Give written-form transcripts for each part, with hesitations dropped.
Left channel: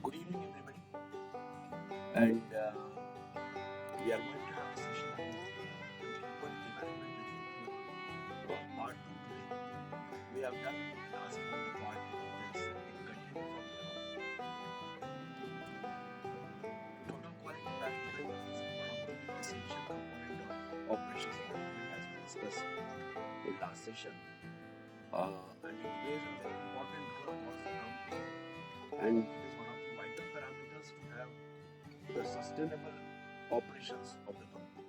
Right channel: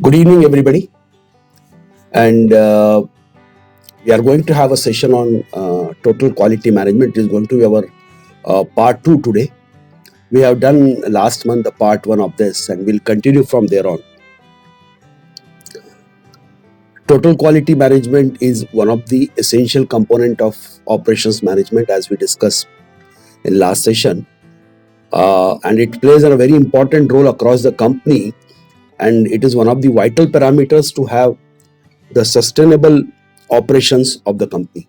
Good evening, everybody. And we are going to have a session on total quality management. It is going to be our part 2 today. We have done last month the part 1 of this, and we'll continue from there on. Total quality management is one of the essential component of operations management, as we discussed in last session. And it plays a very important role across the company, and it is one of the vital parameters to have the sustainable operations of the company.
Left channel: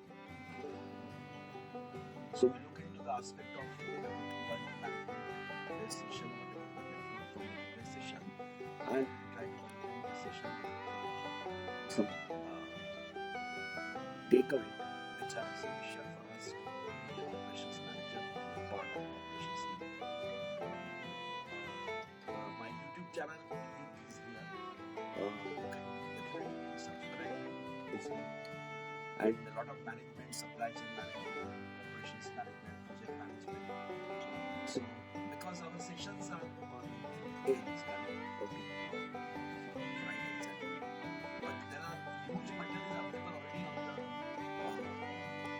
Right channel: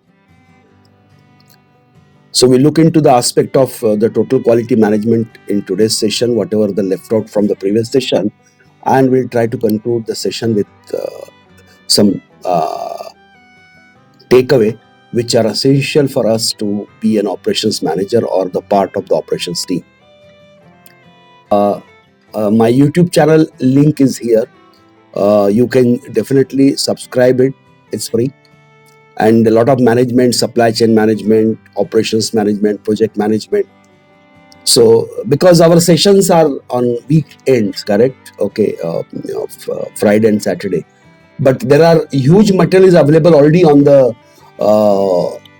So we look into the aspect of the total quality management in today's session, whatever the left out from the previous session, and we'll try to conclude the session with some takeaway which are essential for us to be an operations manager or the part of the operations team. My YouTube channel link is here. You can definitely subscribe it. It's free. And a lot of management, supply chain management, operations management, project management. So because our sessions are on weekends, correct? Okay, Friday and Saturday. But there are huge materials available already on the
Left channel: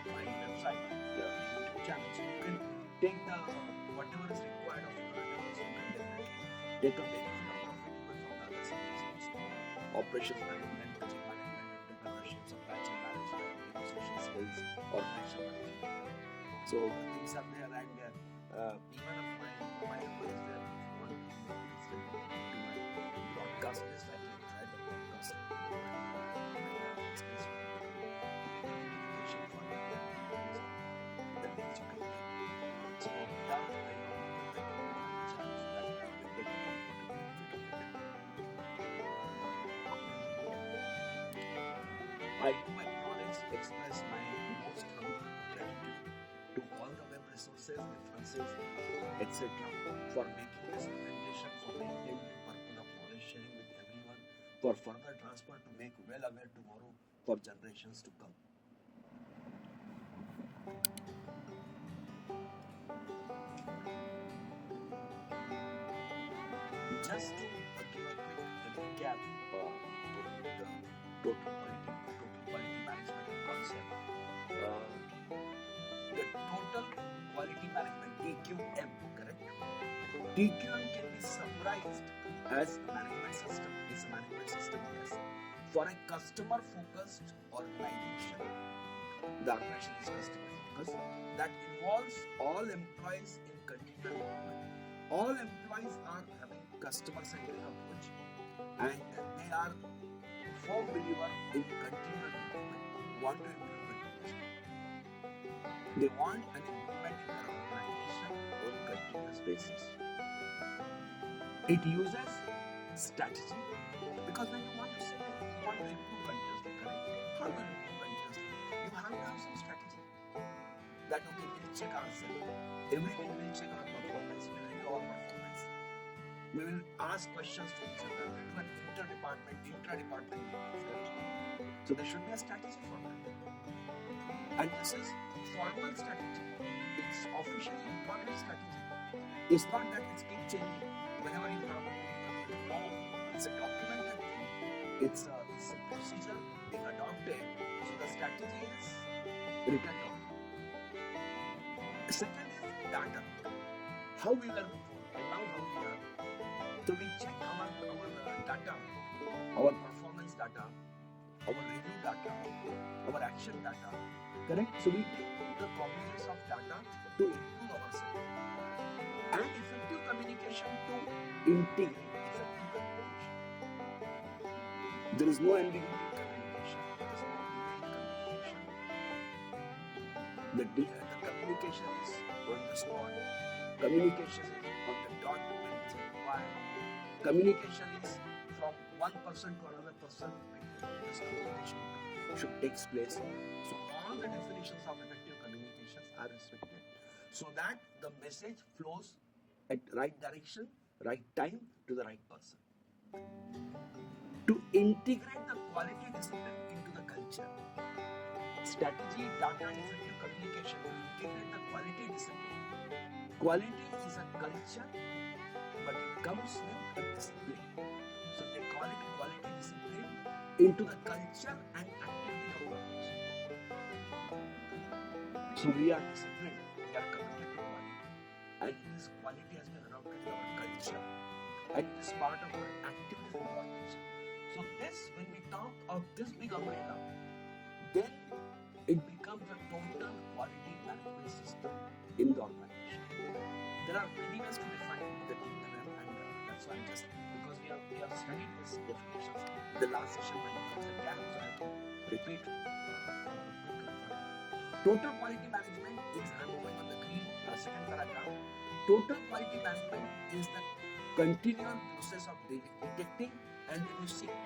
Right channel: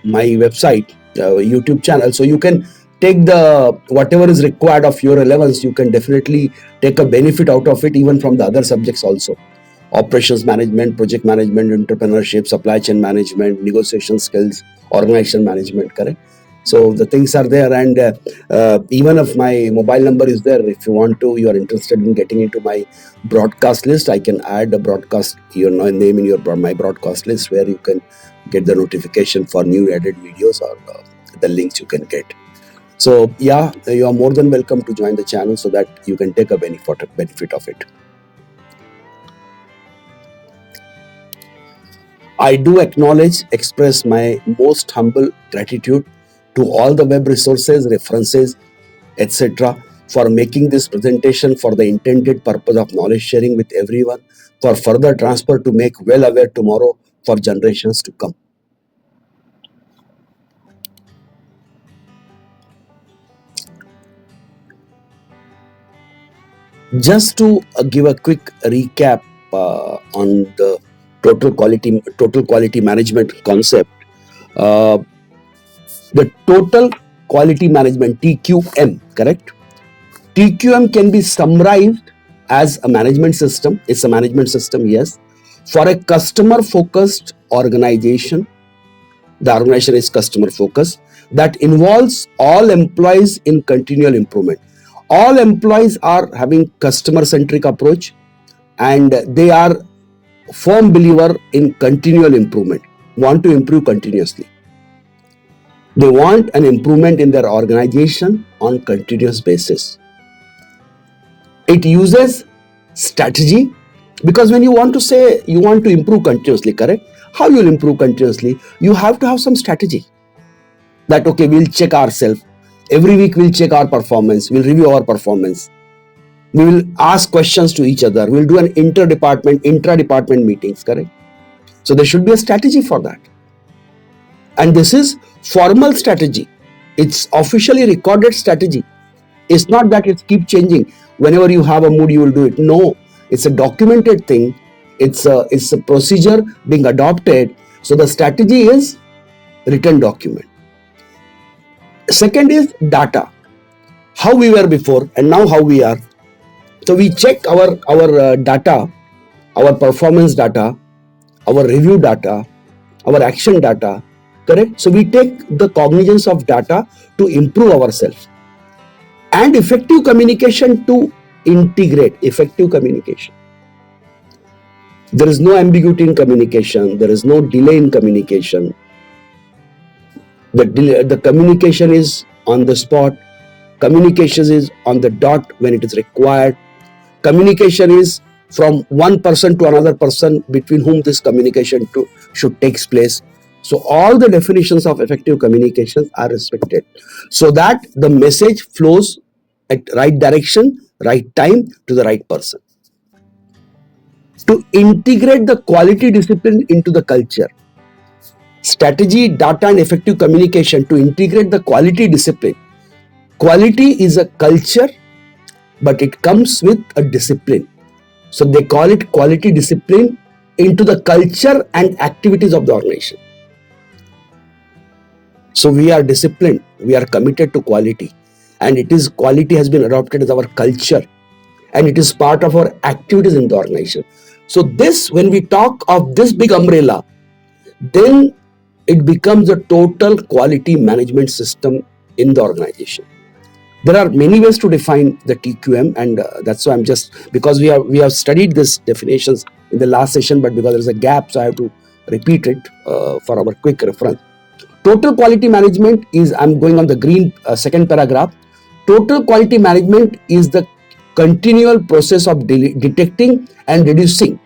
my website, YouTube channel. So you can take the whatever is required of your relevance. You can definitely take a benefit out of it, even from the other subjects also. Operations management, project management, entrepreneurship, supply chain management, negotiation skills, organization management, correct? So the things are there, and even if my mobile number is there, if you want to, you are interested in getting into my broadcast list, I can add a broadcast, your name in your my broadcast list, where you can get the notification for new added videos or the links you can get. So yeah, you are more than welcome to join the channel so that you can take a benefit of it. I do express my most humble gratitude to all the web resources, references, etc. for making this presentation for the intended purpose of knowledge sharing with everyone, for further transfer to make well aware tomorrow for generations to come. Just to give a quick recap on the total quality management concept, the total quality management, TQM, correct? TQM can be summarized as a management system. It's a management system, yes, for a customer-focused organization. The organization is customer-focused, that involves all employees in continual improvement. All employees are having customer-centric approach, and they are firm believer in continual improvement, want to improve continuously. They want an improvement in their organization on continuous basis. It uses strategy, because when you want to say you want to improve continuously, correct? How you'll improve continuously? You have to have some strategy. That, okay, we'll check ourselves. Every week we'll check our performance. We'll review our performance. We will ask questions to each other. We'll do an intra-department meetings, correct? So there should be a strategy for that. And this is formal strategy. It's officially recorded strategy. It's not that it keeps changing. Whenever you have a mood, you will do it. No, it's a documented thing. It's a procedure being adopted. So the strategy is written document. Second is data. How we were before and now how we are. So we check our data, our performance data, our review data, our action data, correct? So we take the cognizance of data to improve ourselves. And effective communication to integrate effective communication. There is no ambiguity in communication. There is no delay in communication. The communication is on the spot. Communication is on the dot when it is required. Communication is from one person to another person between whom this communication should take place. So all the definitions of effective communications are respected, so that the message flows at right direction, right time, to the right person. To integrate the quality discipline into the culture. Strategy, data, and effective communication to integrate the quality discipline. Quality is a culture, but it comes with a discipline. So they call it quality discipline into the culture and activities of the organization. So we are disciplined, we are committed to quality, and quality has been adopted as our culture, and it is part of our activities in the organization. So this, when we talk of this big umbrella, then it becomes a total quality management system in the organization. There are many ways to define the TQM, and that's why because we have studied these definitions in the last session, but because there is a gap, so I have to repeat it for our quick reference. Total quality management is, I'm going on the green second paragraph. Total quality management is the continual process of detecting and reducing.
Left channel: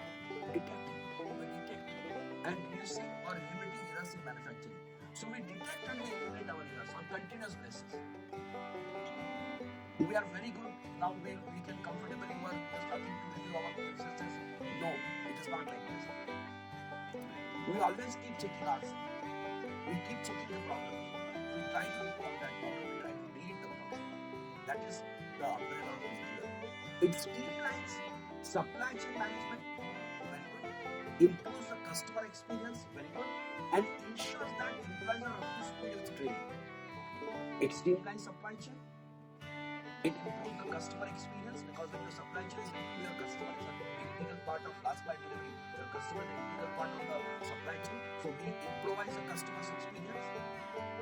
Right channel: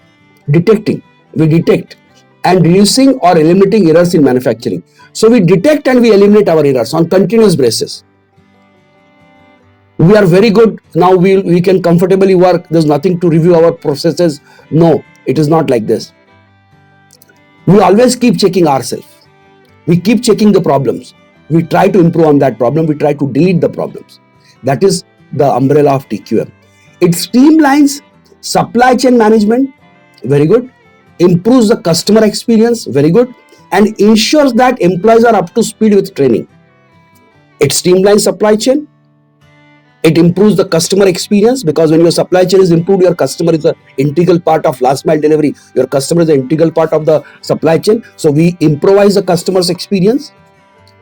We detect and reducing or eliminating errors in manufacturing. So we detect and we eliminate our errors on continuous basis. We are very good now, we can comfortably work, there's nothing to review our processes. No, it is not like this. We always keep checking ourselves. We keep checking the problems. We try to improve on that problem. We try to delete the problems. That is the umbrella of TQM. It streamlines supply chain management, very good. Improves the customer experience, very good. And ensures that employees are up to speed with training. It streamlines supply chain. It improves the customer experience, because when your supply chain is improved, your customer is an integral part of last mile delivery. Your customer is an integral part of the supply chain. So we improvise the customer's experience.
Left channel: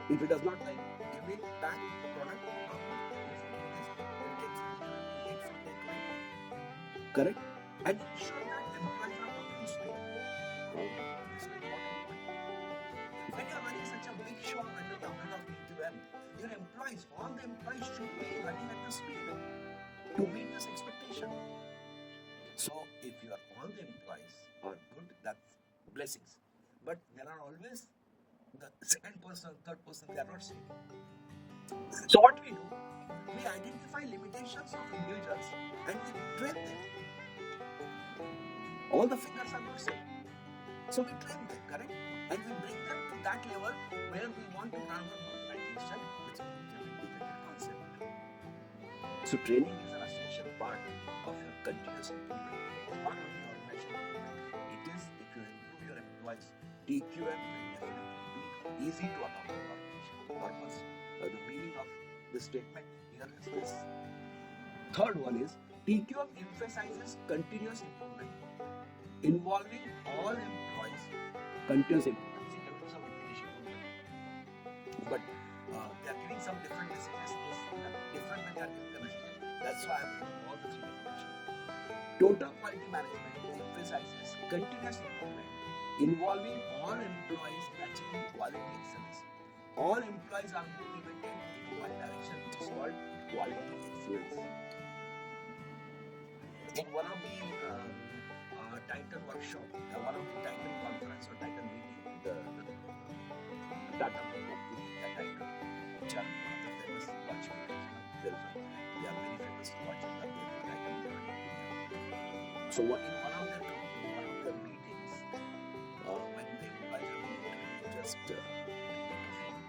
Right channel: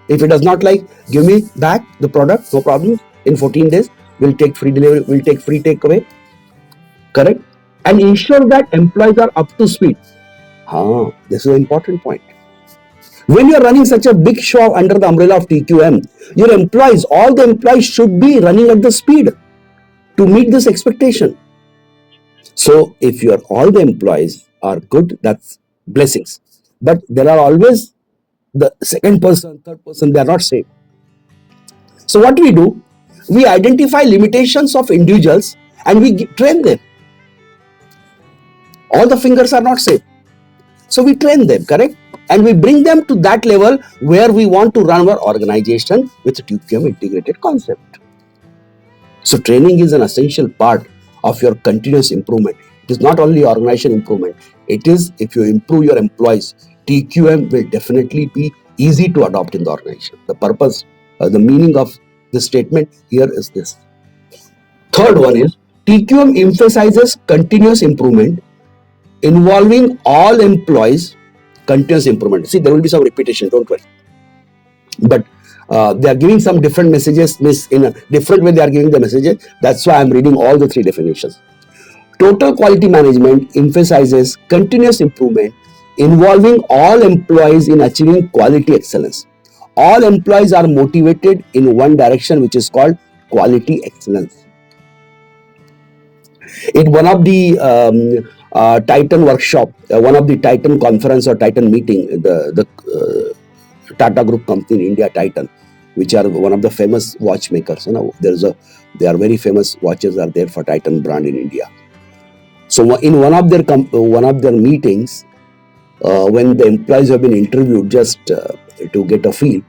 If it does not like, give me back the product, no problem. In 14 days, we'll take free delivery, we'll take free takeaway. Correct? And ensure that employees are up to speed. This is an important point. When you are running such a big show under the umbrella of TQM, your employees, all the employees should be running at the speed to meet this expectation. So if all the employees are good, that's blessings. But there are always the second person, third person, they are not safe. So what do? We identify limitations of individuals and we train them. All the fingers are not safe. So we train them, correct? And we bring them to that level where we want to run our organization with TQM integrated concept. So training is an essential part of your continuous improvement. It is not only organization improvement. It is, if you improve your employees, TQM will definitely be easy to adopt in the organization. The purpose, the meaning of this statement here is this. Third one is, TQM emphasizes continuous improvement involving all employees. Continuous improvement. See, there will be some repetition, don't worry. But they are giving some different messages, in a different way they are giving the messages. That's why I'm reading all the three definitions. Total quality management emphasizes continuous improvement involving all employees in achieving quality excellence. All employees are motivated in one direction, which is called quality excellence. In one of the Titan workshop, one of the Titan conference or Titan meeting, the Tata Group company in India, Titan, which are one of the famous watchmakers. They are very famous watches are there for Titan brand in India. So in one of their meetings, when the employees have been interviewed just to get a feel,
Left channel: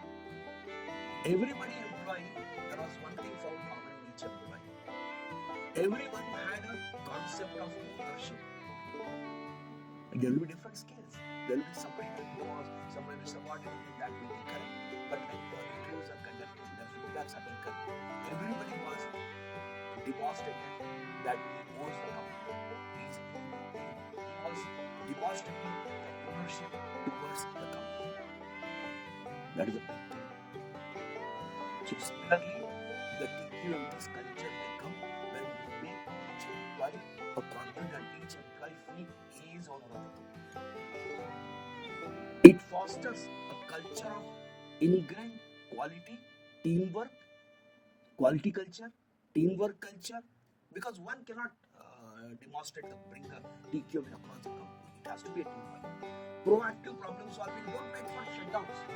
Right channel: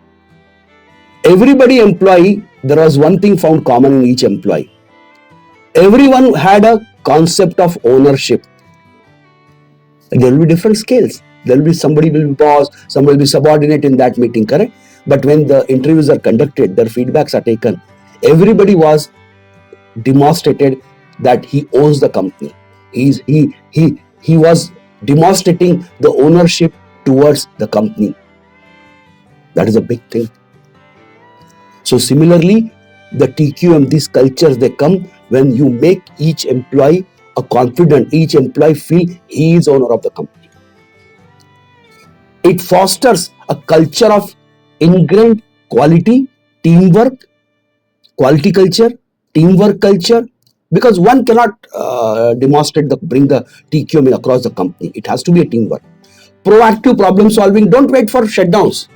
everybody employee, there was one thing found common in each employee. Everyone had a concept of ownership. There will be different scales. There will be somebody will be boss, some will be subordinate in that meeting, correct? But when the interviews are conducted, their feedbacks are taken. Everybody was demonstrated that he owns the company. He was demonstrating the ownership towards the company. That is a big thing. So similarly, the TQM, these cultures, they come when you make each employee each employee feel he is owner of the company. It fosters a culture of ingrained quality, teamwork, quality culture, teamwork culture, because one cannot bring the TQM across the company. It has to be a teamwork. Proactive problem solving. Don't wait for shutdowns.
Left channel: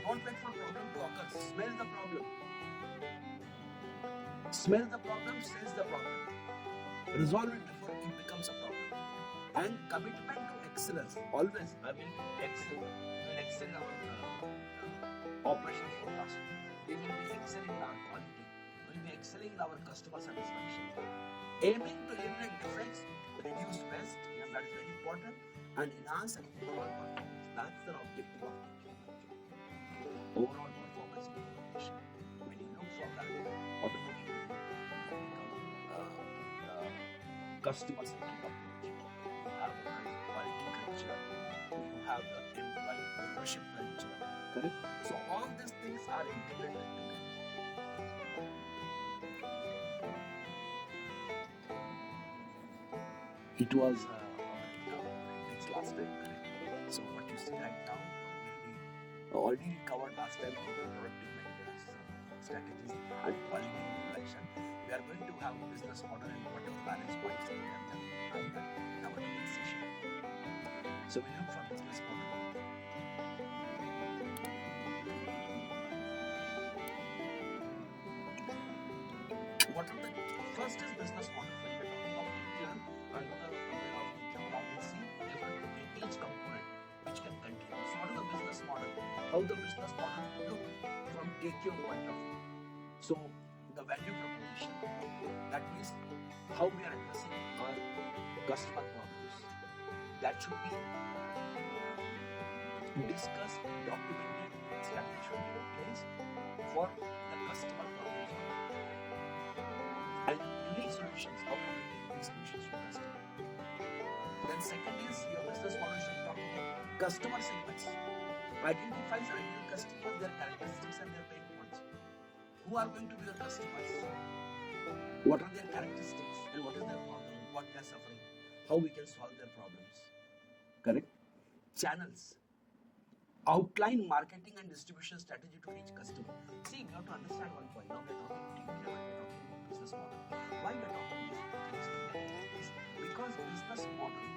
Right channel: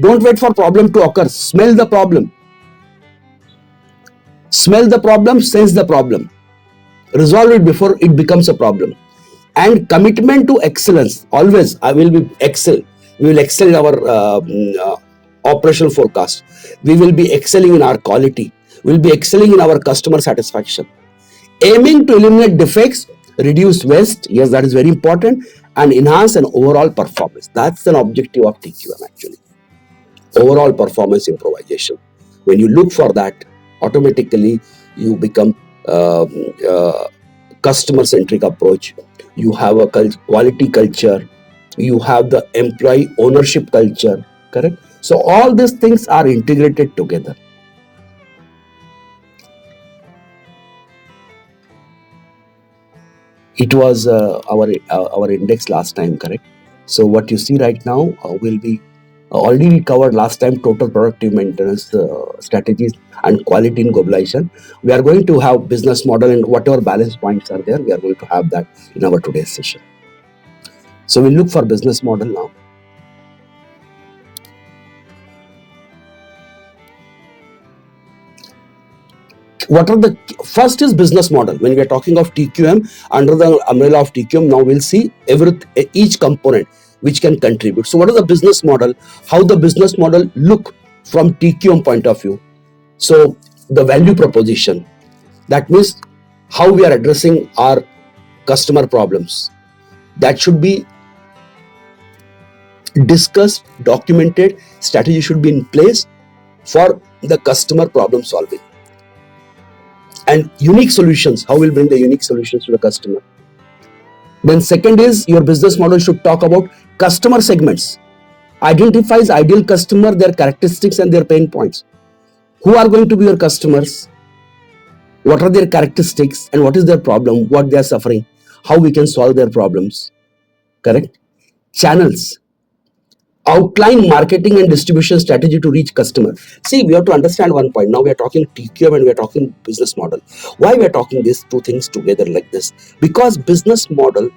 Don't wait for problem to occur. Smell the problem. Smell the problem, sense the problem. Resolve it before it becomes a problem. And commitment to excellence. Always, we will excel in our operational forecast. We will be excelling in our quality. We will be excelling in our customer satisfaction. Aiming to eliminate defects reduce waste, yes, that is very important, and enhance an overall performance. That's an objective of TQM actually. Overall performance improvisation. When you look for that, automatically you become customer centric approach. You have a quality culture. You have the employee ownership culture, correct? So all these things are integrated together. It was our index last time, correct? So what you see right now will be already we covered last time total productive maintenance strategies and quality in globalization. We are going to have business model and whatever balance points are there, we are going to have that in our today's session. So we'll look for business model now. What are the first is business model. When we are talking of TQM, under the umbrella of TQM, now we'll see each component which can contribute. So what is the business model? How the business model look from TQM point of view? So the value proposition, that means how we are addressing our customer problems, that should be discussed, documented, strategy should be in place for the customer problem solving. And unique solutions, how we'll bring the unique solutions to the customer. Then second is your business model should talk about customer segments, identifies ideal customer, their characteristics and their pain points. Who are going to be your customers? What are their characteristics and what is their problem, what they are suffering, how we can solve their problems, correct? Channels, outline marketing and distribution strategy to reach customer. See, we have to understand one point. Now we are talking TQM and we are talking business model. Why we are talking these two things together like this? Because business model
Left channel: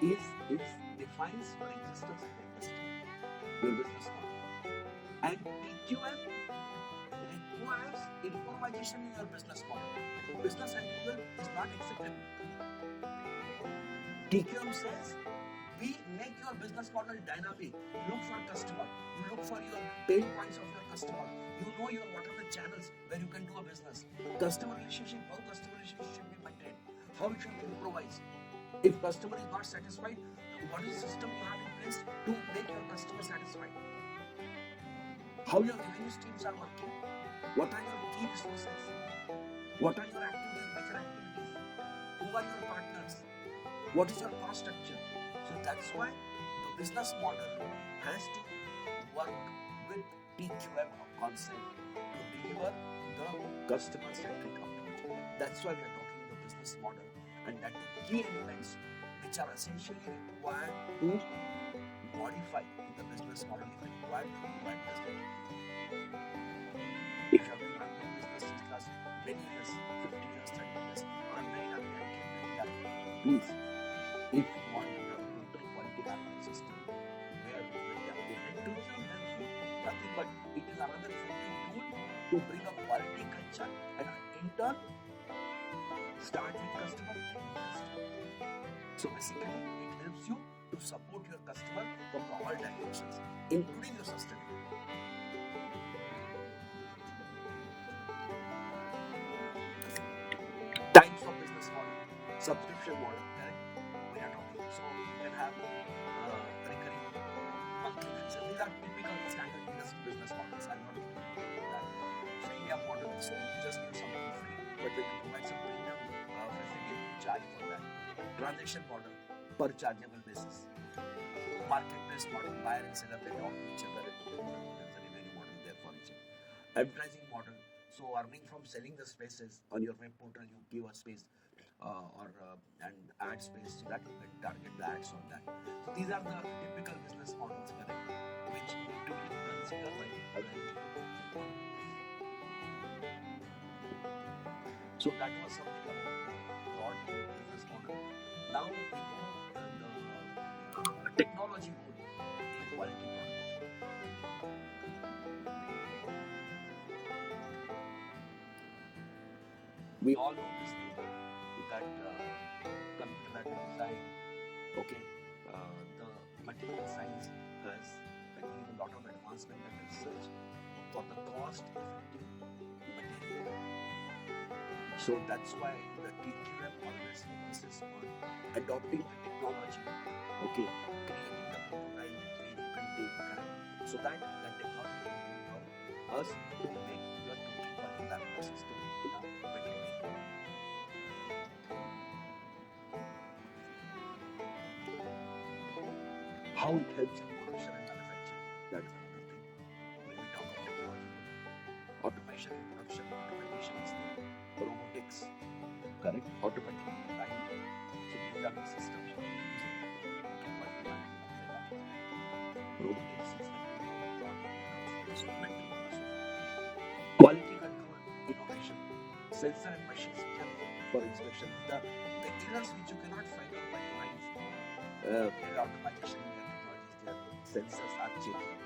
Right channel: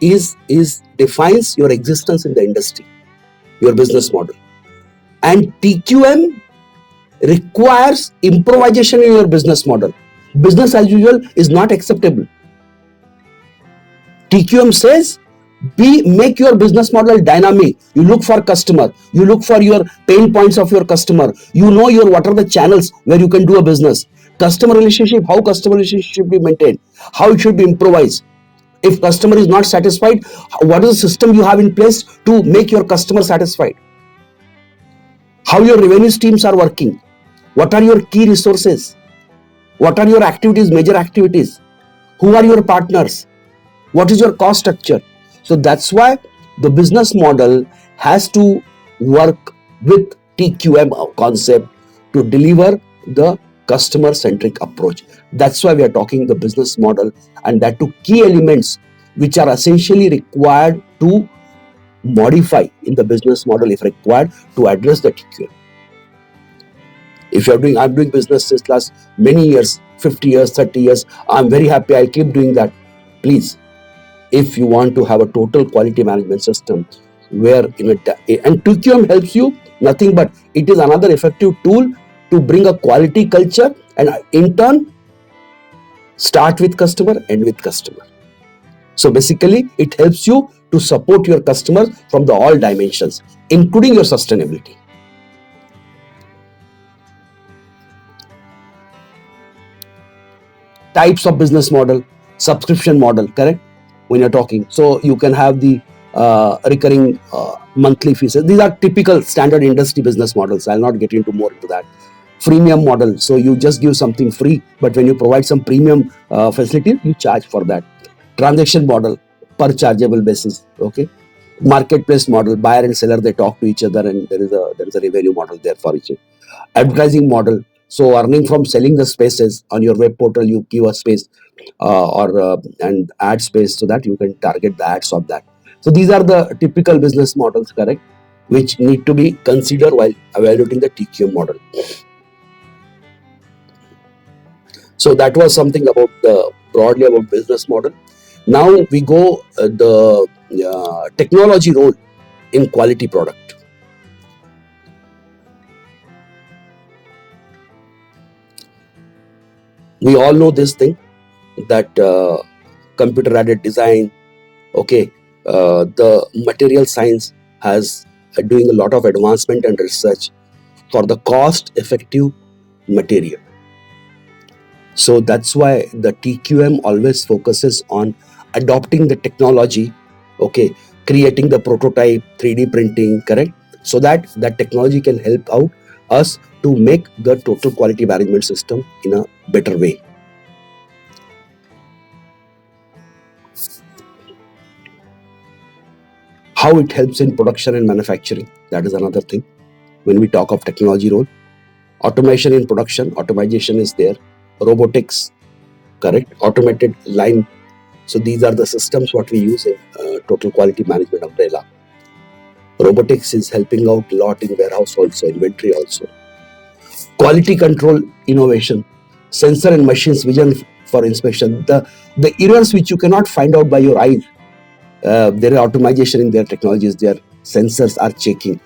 is defines your existence in the industry, your business model. And TQM requires improvisation in your business model. Business as usual is not acceptable. TQM says make your business model dynamic. You look for customer, you look for your pain points of your customer, you know your what are the channels where you can do a business, customer relationship, how customer relationship should be maintained, how it should be improvised. If customer is not satisfied, what is the system you have in place to make your customer satisfied, how your revenue streams are working, what are your key resources, what are your activities, major activities, who are your partners, what is your cost structure. So that's why the business model has to work with TQM concept to deliver the customer centric approach. That's why we are talking the business model, and that two key elements which are essentially required to modify in the business model if required to address the TQM. If I'm doing business since last many years, 50 years, 30 years, I'm very happy, I'll keep doing that. Please, if you want to have a total quality management system where and TQM helps you, nothing but it is another effective tool to bring a quality culture and in turn start with customer, end with customer. So basically it helps you to support your customers from the all dimensions, including your sustainability. Types of business model, subscription model, correct? When you're talking, so you can have the recurring monthly fees. These are typical standard industry business models. I'll not get into more into that. Freemium model, so you just give something free, but when you provide some premium facility, you charge for that. Transaction model, per chargeable basis, okay? Marketplace model, buyer and seller, they talk to each other and there is a revenue model there for each other. Advertising model, so earning from selling the spaces on your web portal, you give a space and ad space so that you can target the ads of that. So these are the typical business models, correct, which need to be considered while evaluating the TQM model. So that was something about broadly about business model. Now we go the technology role in quality product. We all know this thing that computer aided design, okay, the material science has doing a lot of advancement and research for the cost effective material. So that's why the TQM always focuses on adopting the technology, okay, creating the prototype, 3D printing, correct, so that that technology can help out us to make the total quality management system in a better way. How it helps in production and manufacturing, that is another thing. When we talk of technology role, automation in production, automation is there, robotics, correct, automated line. So these are the systems what we use in total quality management umbrella. Robotics is helping out a lot in warehouse also, inventory also. Quality control innovation, sensor and machines vision for inspection. The errors which you cannot find out by your eyes, there is automation in their technologies. Their sensors are checking,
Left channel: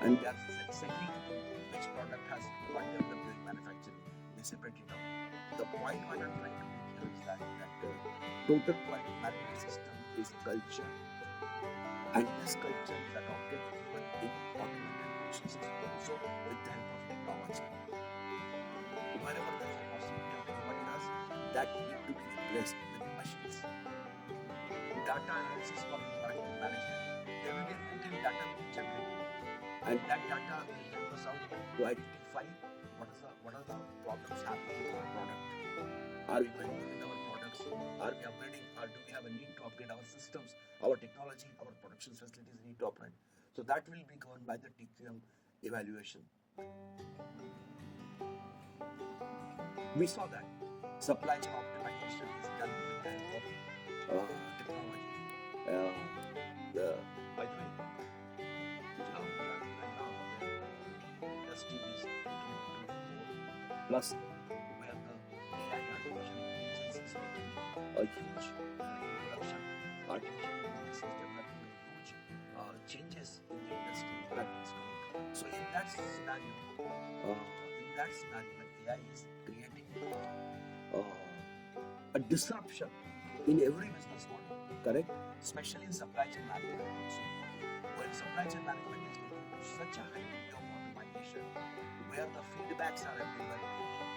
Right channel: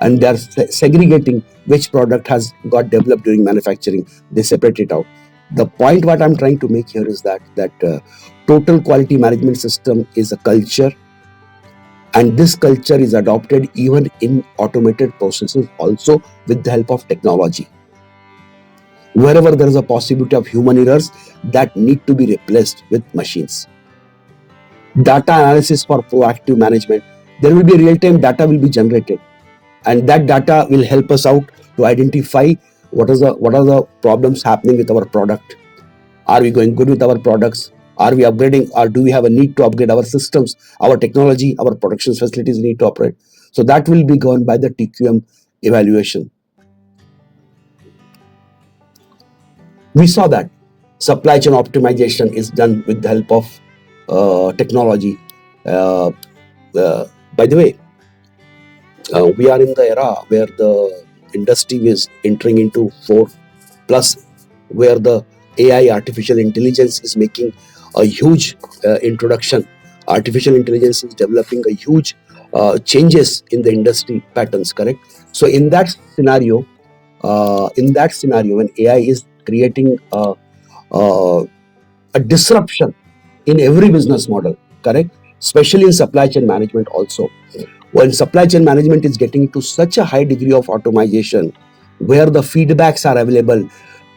and they are segregating which product has got developed during manufacturing. They separate it out. The point what I'm trying to make here is that total quality management system is a culture, and this culture is adopted even in automated processes also with the help of technology. Wherever there is a possibility of human errors, that need to be replaced with machines. Data analysis for proactive management. There will be real-time data will be generated, and that data will help us out to identify what are the problems happening with our product. Are we going good with our products? Are we upgrading, or do we have a need to upgrade our systems, our technology, our production facilities need to operate? So that will be governed by the TQM evaluation. We saw that supply chain optimization is done with the help of technology. Uh, by the way, we are in the era where the industry is entering into 4 plus, where the AI, artificial intelligence, is making a huge introduction. Artificial intelligence is developing a huge changes in the industry patterns, correct? So in that scenario, when AI is creating uh, a disruption in every business model, correct? Especially in supply chain management also. When supply chain management is getting to such a high degree of automation, where the feedbacks are available,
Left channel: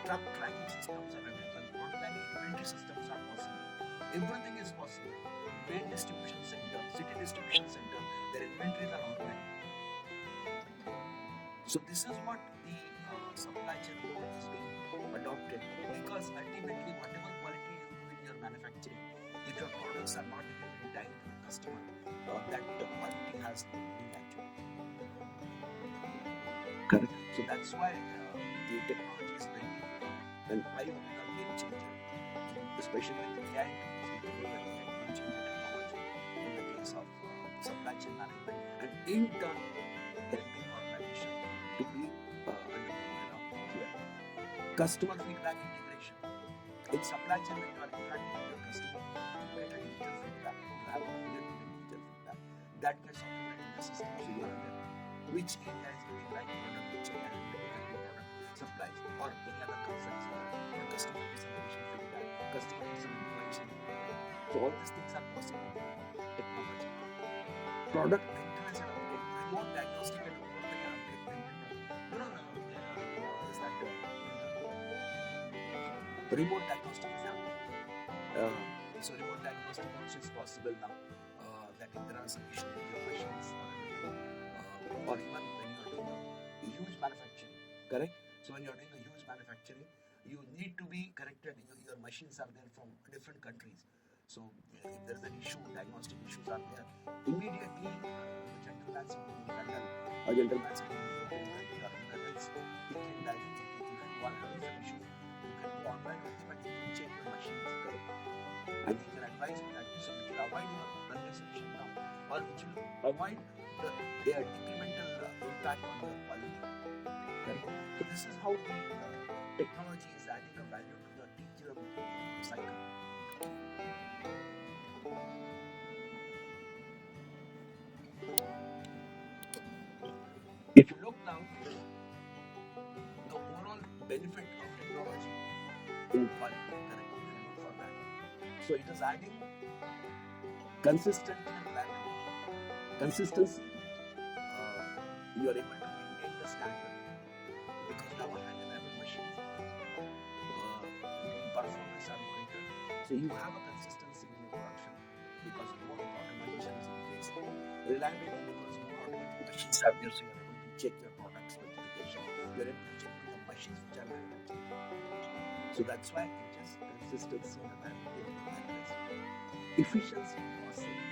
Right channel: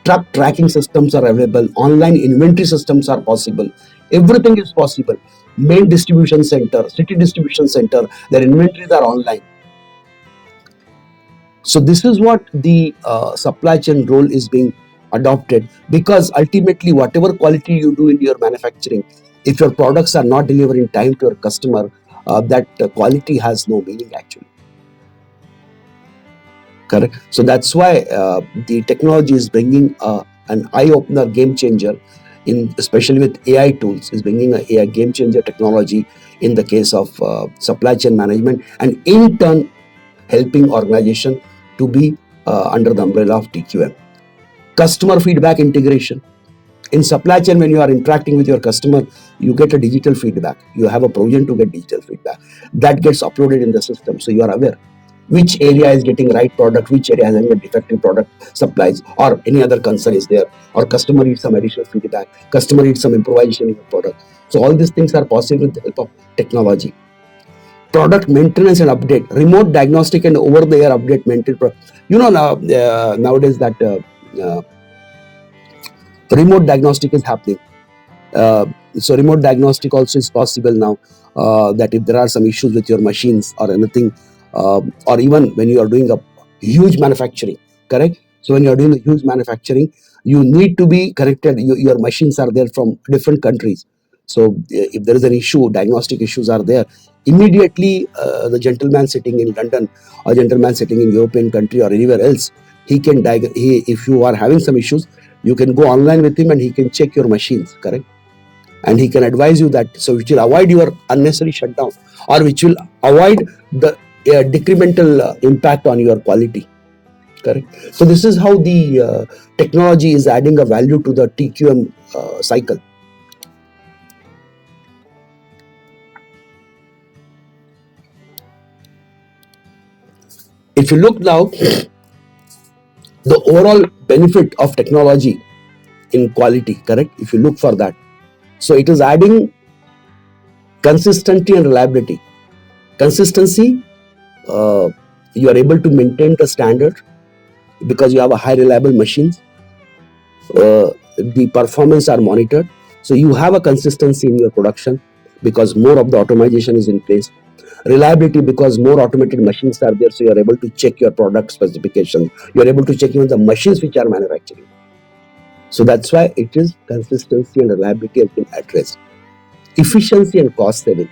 truck tracking systems are available, online inventory systems are possible, everything is possible. Main distribution center, city distribution center, their inventories are online. So this is what the supply chain role is being adopted, because ultimately whatever quality you do in your manufacturing, if your products are not delivered in time to your customer, that quality has no meaning actually. Correct. So that's why the technology is bringing an eye-opener, game changer, in especially with AI tools, is bringing a game changer technology in the case of supply chain management, and in turn helping organization to be under the umbrella of TQM. Customer feedback integration. In supply chain, when you are interacting with your customer, you get a digital feedback. You have a provision to get digital feedback. That gets uploaded in the system, so you are aware which area is getting right product, which area has a defective product supplies, or any other concern is there, or customer needs some additional feedback, customer needs some improvisation in the product. So all these things are possible with the help of technology. Product maintenance and update, remote diagnostic and over-the-air update maintain. Nowadays that remote diagnostic is happening. So remote diagnostic also is possible now. That if there are some issues with your machines or anything, or even when you are doing a huge manufacturing, correct? So when you are doing a huge manufacturing, you need to be corrected. Your machines are there from different countries. So if there is an issue, diagnostic issues are there, immediately the gentleman sitting in London or gentleman sitting in European country or anywhere else, he can if you are having some issues, you can go online with him and he can check your machines, correct? And he can advise you that, so which will avoid your unnecessary shutdown, or which will avoid the decremental impact on your quality, correct? So this is how the technology is adding a value to the TQM cycle. If you look now, the overall benefit of technology in quality, correct, if you look for that, so it is adding consistency and reliability. Consistency, uh, you are able to maintain the standard because you have a high reliable machines. The performance are monitored, so you have a consistency in your production. because more of the automation is in place. Reliability, because more automated machines are there, so you are able to check your product specification. You are able to check even the machines which are manufacturing. So that's why it is consistency and reliability has been addressed. Efficiency and cost saving.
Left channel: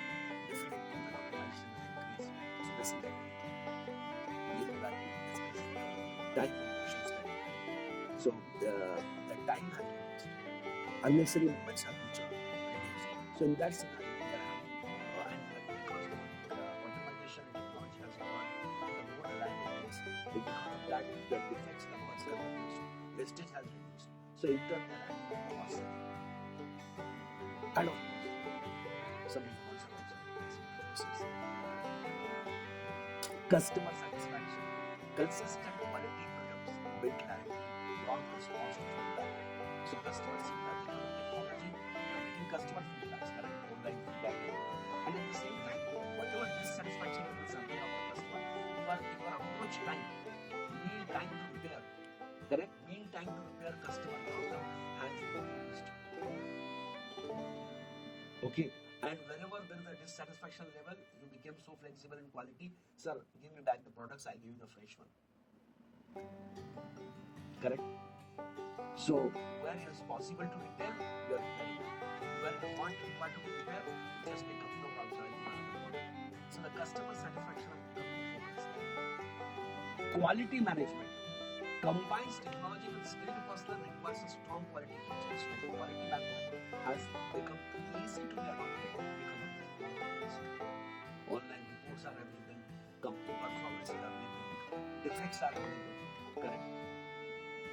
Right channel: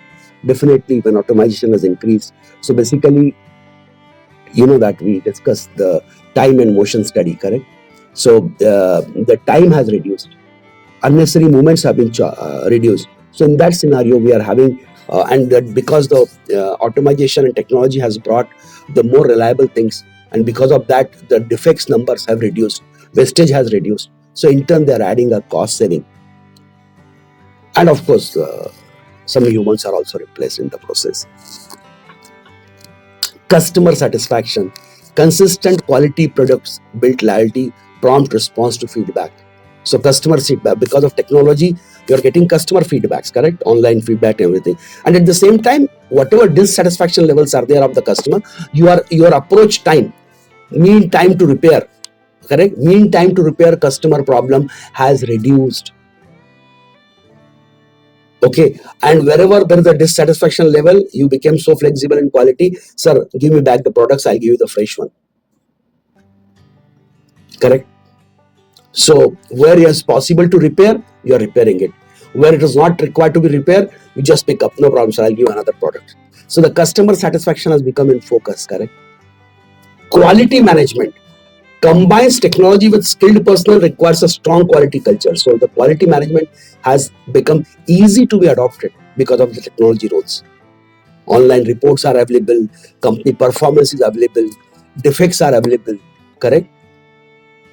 Definitely when automation has increased. So basically, you know that we discussed the time and motion study, correct? So the time has reduced. Unnecessary movements have been reduced. So in that scenario, we are having, and that because the automation and technology has brought the more reliable things, and because of that, the defects numbers have reduced, wastage has reduced. So in turn, they are adding a cost saving. And of course, some humans are also replaced in the process. Customer satisfaction, consistent quality products build loyalty, prompt response to feedback. So customer feedback, because of technology, you are getting customer feedbacks, correct? Online feedback, everything. And at the same time, whatever dissatisfaction levels are there of the customer, your approach time, mean time to repair, correct? Mean time to repair customer problem has reduced. Okay, and wherever there is a dissatisfaction level, you became so flexible in quality. Sir, give me back the products, I'll give you the fresh one. Correct? So where it is possible to repair, you are repairing it. Where it is not required to be repaired, you just pick up, no problem, sir, I'll give you another product. So the customer satisfaction has become in focus, correct? Quality management combines technology with skilled personnel, requires a strong quality culture. So the quality management has become easy to be adopted because of the technology rules. Online reports are available, company performance is available, defects are available, correct?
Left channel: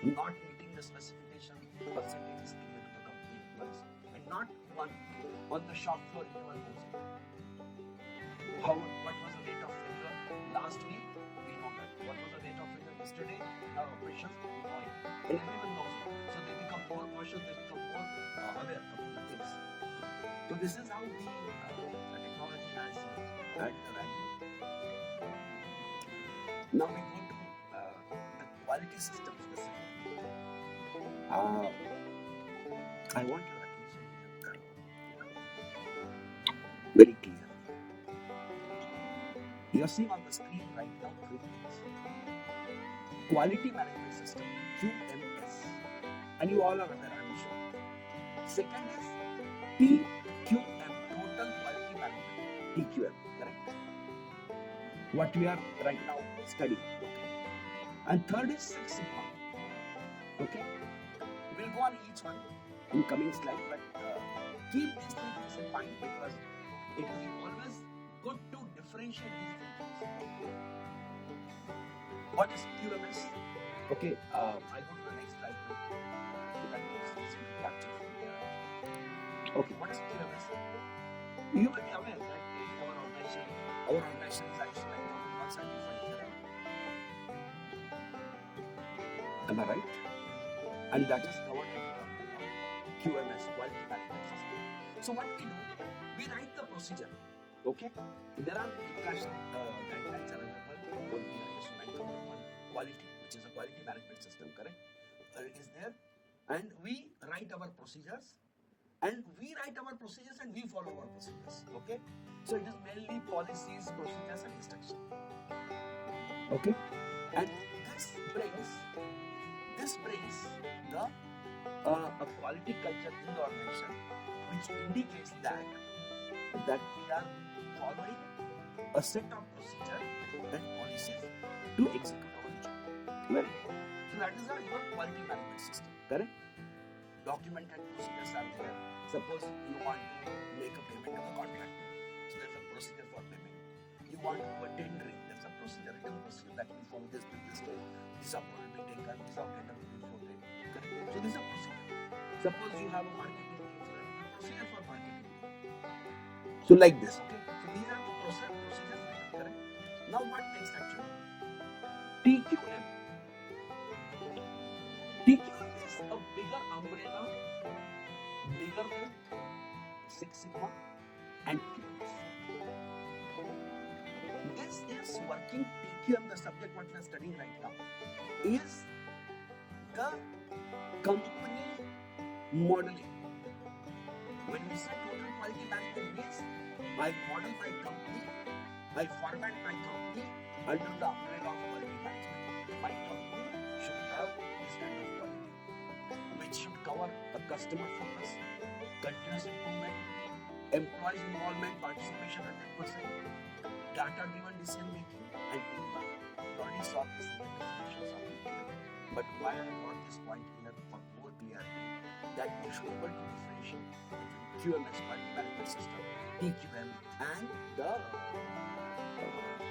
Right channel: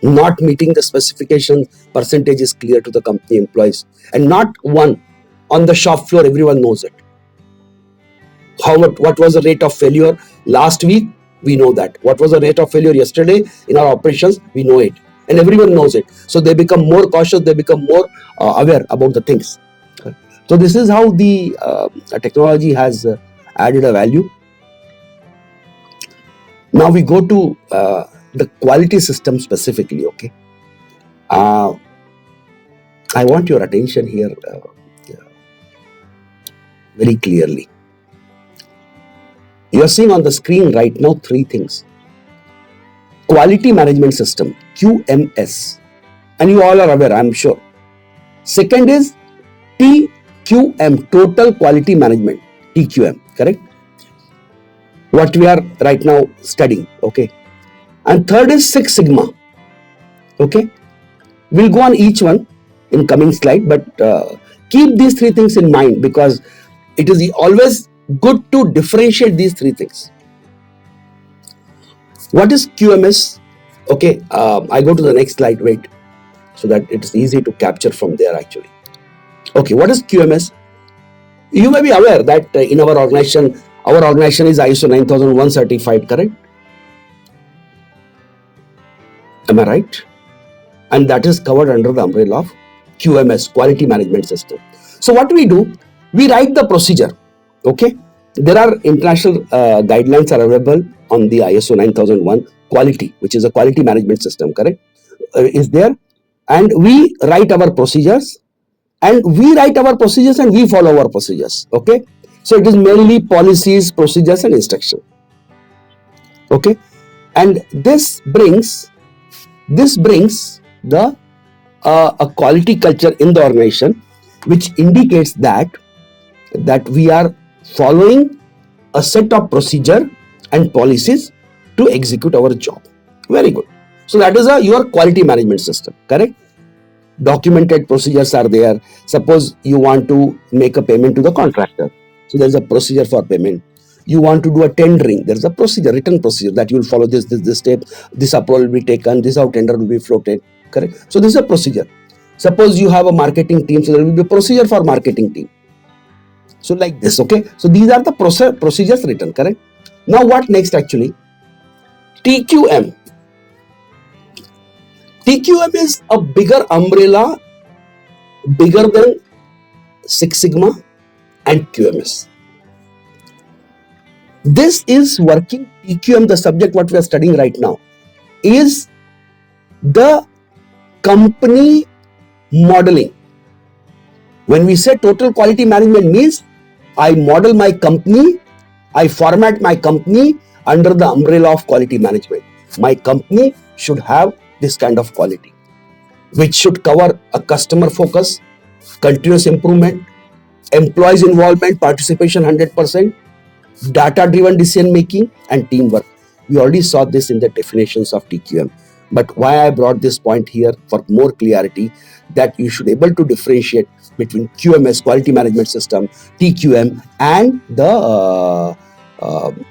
Not meeting the specification percentage is clear to the company employees, and not one on the shop floor, everyone knows it. What was the rate of failure last week? We know that. What was the rate of failure yesterday in our operations? We know it, and everyone knows it. So they become more cautious, they become more aware about the things. So this is how the technology has added a value. Now we go to the quality system specifically. Okay, I want your attention here very clearly. You are seeing on the screen right now three things. Quality management system, QMS, and you all are aware, I'm sure. Second is TQM, total quality management, TQM, correct? What we are right now studying, okay? And third is Six Sigma, okay? We'll go on each one in coming slide, but keep these three things in mind, because it is always good to differentiate these three things. What is QMS? Okay, I go to the next slide, wait, so that it is easy to capture from there actually. Okay, what is QMS? You may be aware that in our organization is ISO 9001 certified, correct? Am I right? And that is covered under the umbrella of QMS, Quality Management System. So what we do, we write the procedure, okay? There are international guidelines are available on the ISO 9001 quality, which is a quality management system, correct? Is there, and we write our procedures, and we follow our procedures, okay? So it is mainly policies, procedures, and instruction, okay? And this brings the a quality culture in the organization, which indicates that we are following a set of procedure and policies to execute our job. Very good. So that is your quality management system, correct? Documented procedures are there. Suppose you want to make a payment to the contractor, so there is a procedure for payment. You want to do a tendering, there is a procedure, written procedure, that you will follow this step, this approval will be taken, this how tender will be floated, correct? So this is a procedure. Suppose you have a marketing team, so there will be a procedure for marketing team. So like this, okay? So these are the procedures written, correct? Now what next actually? TQM. TQM is a bigger umbrella, bigger than Six Sigma and QMS. This is working. TQM, the subject what we are studying right now, is the company modeling. When we say total quality management means I model my company, I format my company under the umbrella of quality management. My company should have this kind of quality, which should cover a customer focus, continuous improvement, employees involvement, participation 100%, data driven decision making, and teamwork. We already saw this in the definitions of TQM. But why I brought this point here for more clarity, that you should able to differentiate between QMS, quality management system, TQM, and the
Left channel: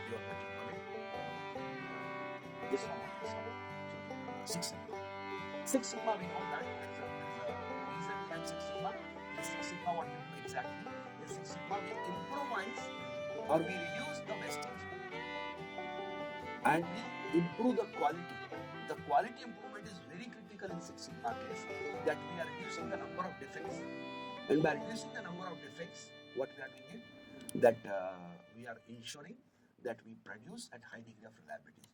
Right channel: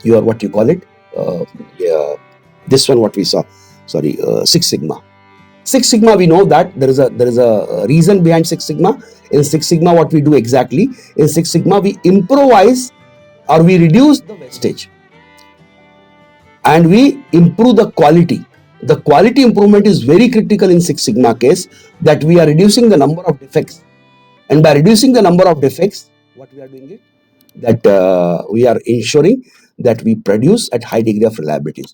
your what you call it, this one what we saw, sorry, Six Sigma. Six Sigma, we know that there is a reason behind Six Sigma. In Six Sigma, what we do exactly, in Six Sigma we improvise or we reduce the wastage and we improve the quality. The quality improvement is very critical in Six Sigma case, that we are reducing the number of defects, and by reducing the number of defects, what we are doing is that we are ensuring that we produce at high degree of reliability.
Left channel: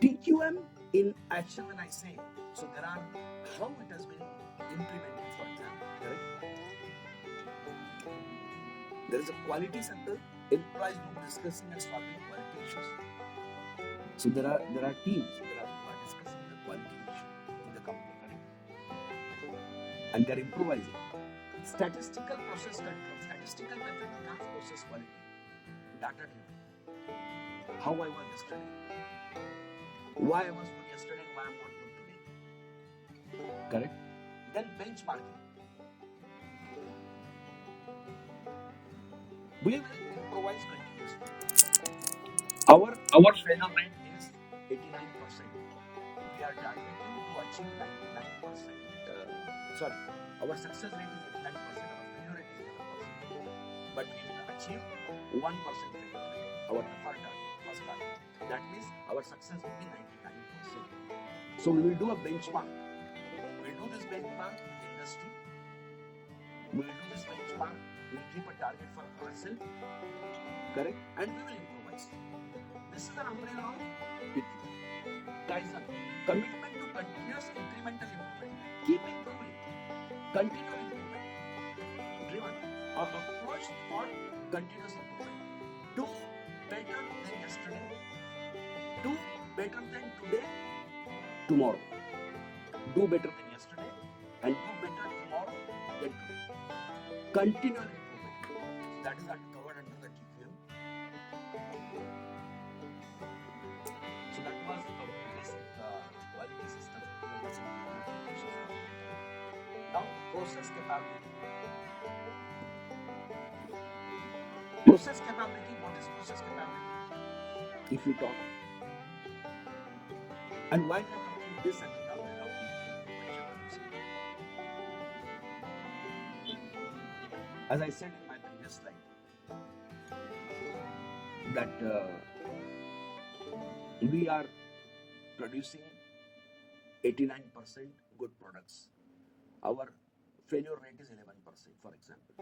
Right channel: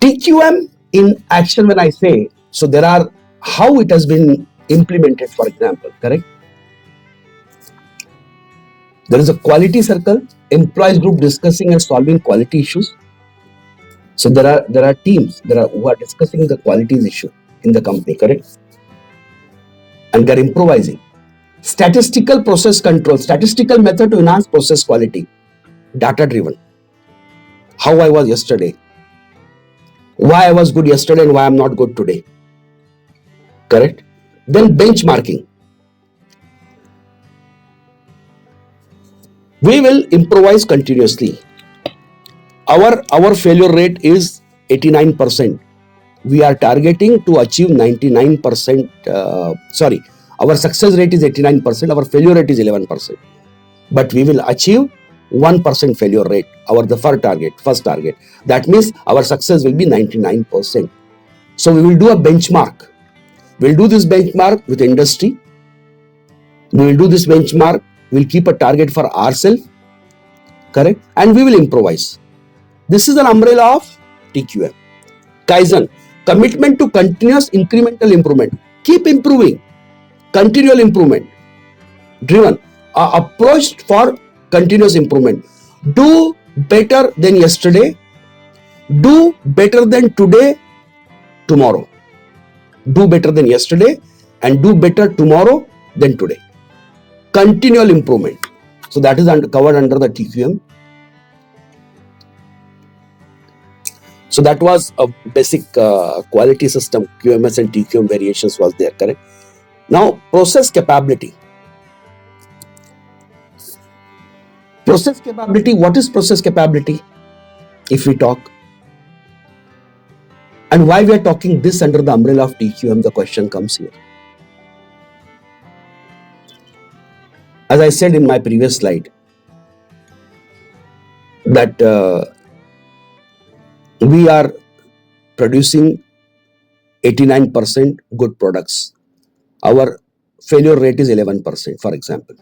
TQM in action, when I say, so there are how it has been implemented, for example, correct? There is a quality circle, employees group discussing and solving quality issues. So there are teams who are discussing the qualities issue in the company, correct? And they're improvising. Statistical process control, statistical method to enhance process quality, data driven. How I was yesterday, why I was good yesterday and why I'm not good today, correct? Then benchmarking. We will improvise continuously. Our failure rate is 89%. We are targeting to achieve 99%. Our success rate is 89%. Our failure rate is 11%. But we will achieve 1% failure rate. The first target. That means our success will be 99%. So we will do a benchmark. We'll do this benchmark with industry. We will do this benchmark. We'll keep a target for ourselves, correct? And we will improvise. This is an umbrella of TQM. Kaizen, commitment to continuous incremental improvement. Keep improving. Continual improvement. Driven. Approach for continuous improvement. Do better than yesterday. Do better than today, tomorrow. Do better than yesterday and do better tomorrow than today. Continual improvement. So that is covered under the TQM. So that was a basic quality system. QMS and TQM variations was there, correct? Now, process capability. Process capability, what is process capability? If we talk, and why we are talking this under the umbrella of TQM, the question comes here. As I said in my previous slide, that we are producing 89% good products. Our failure rate is 11%, for example.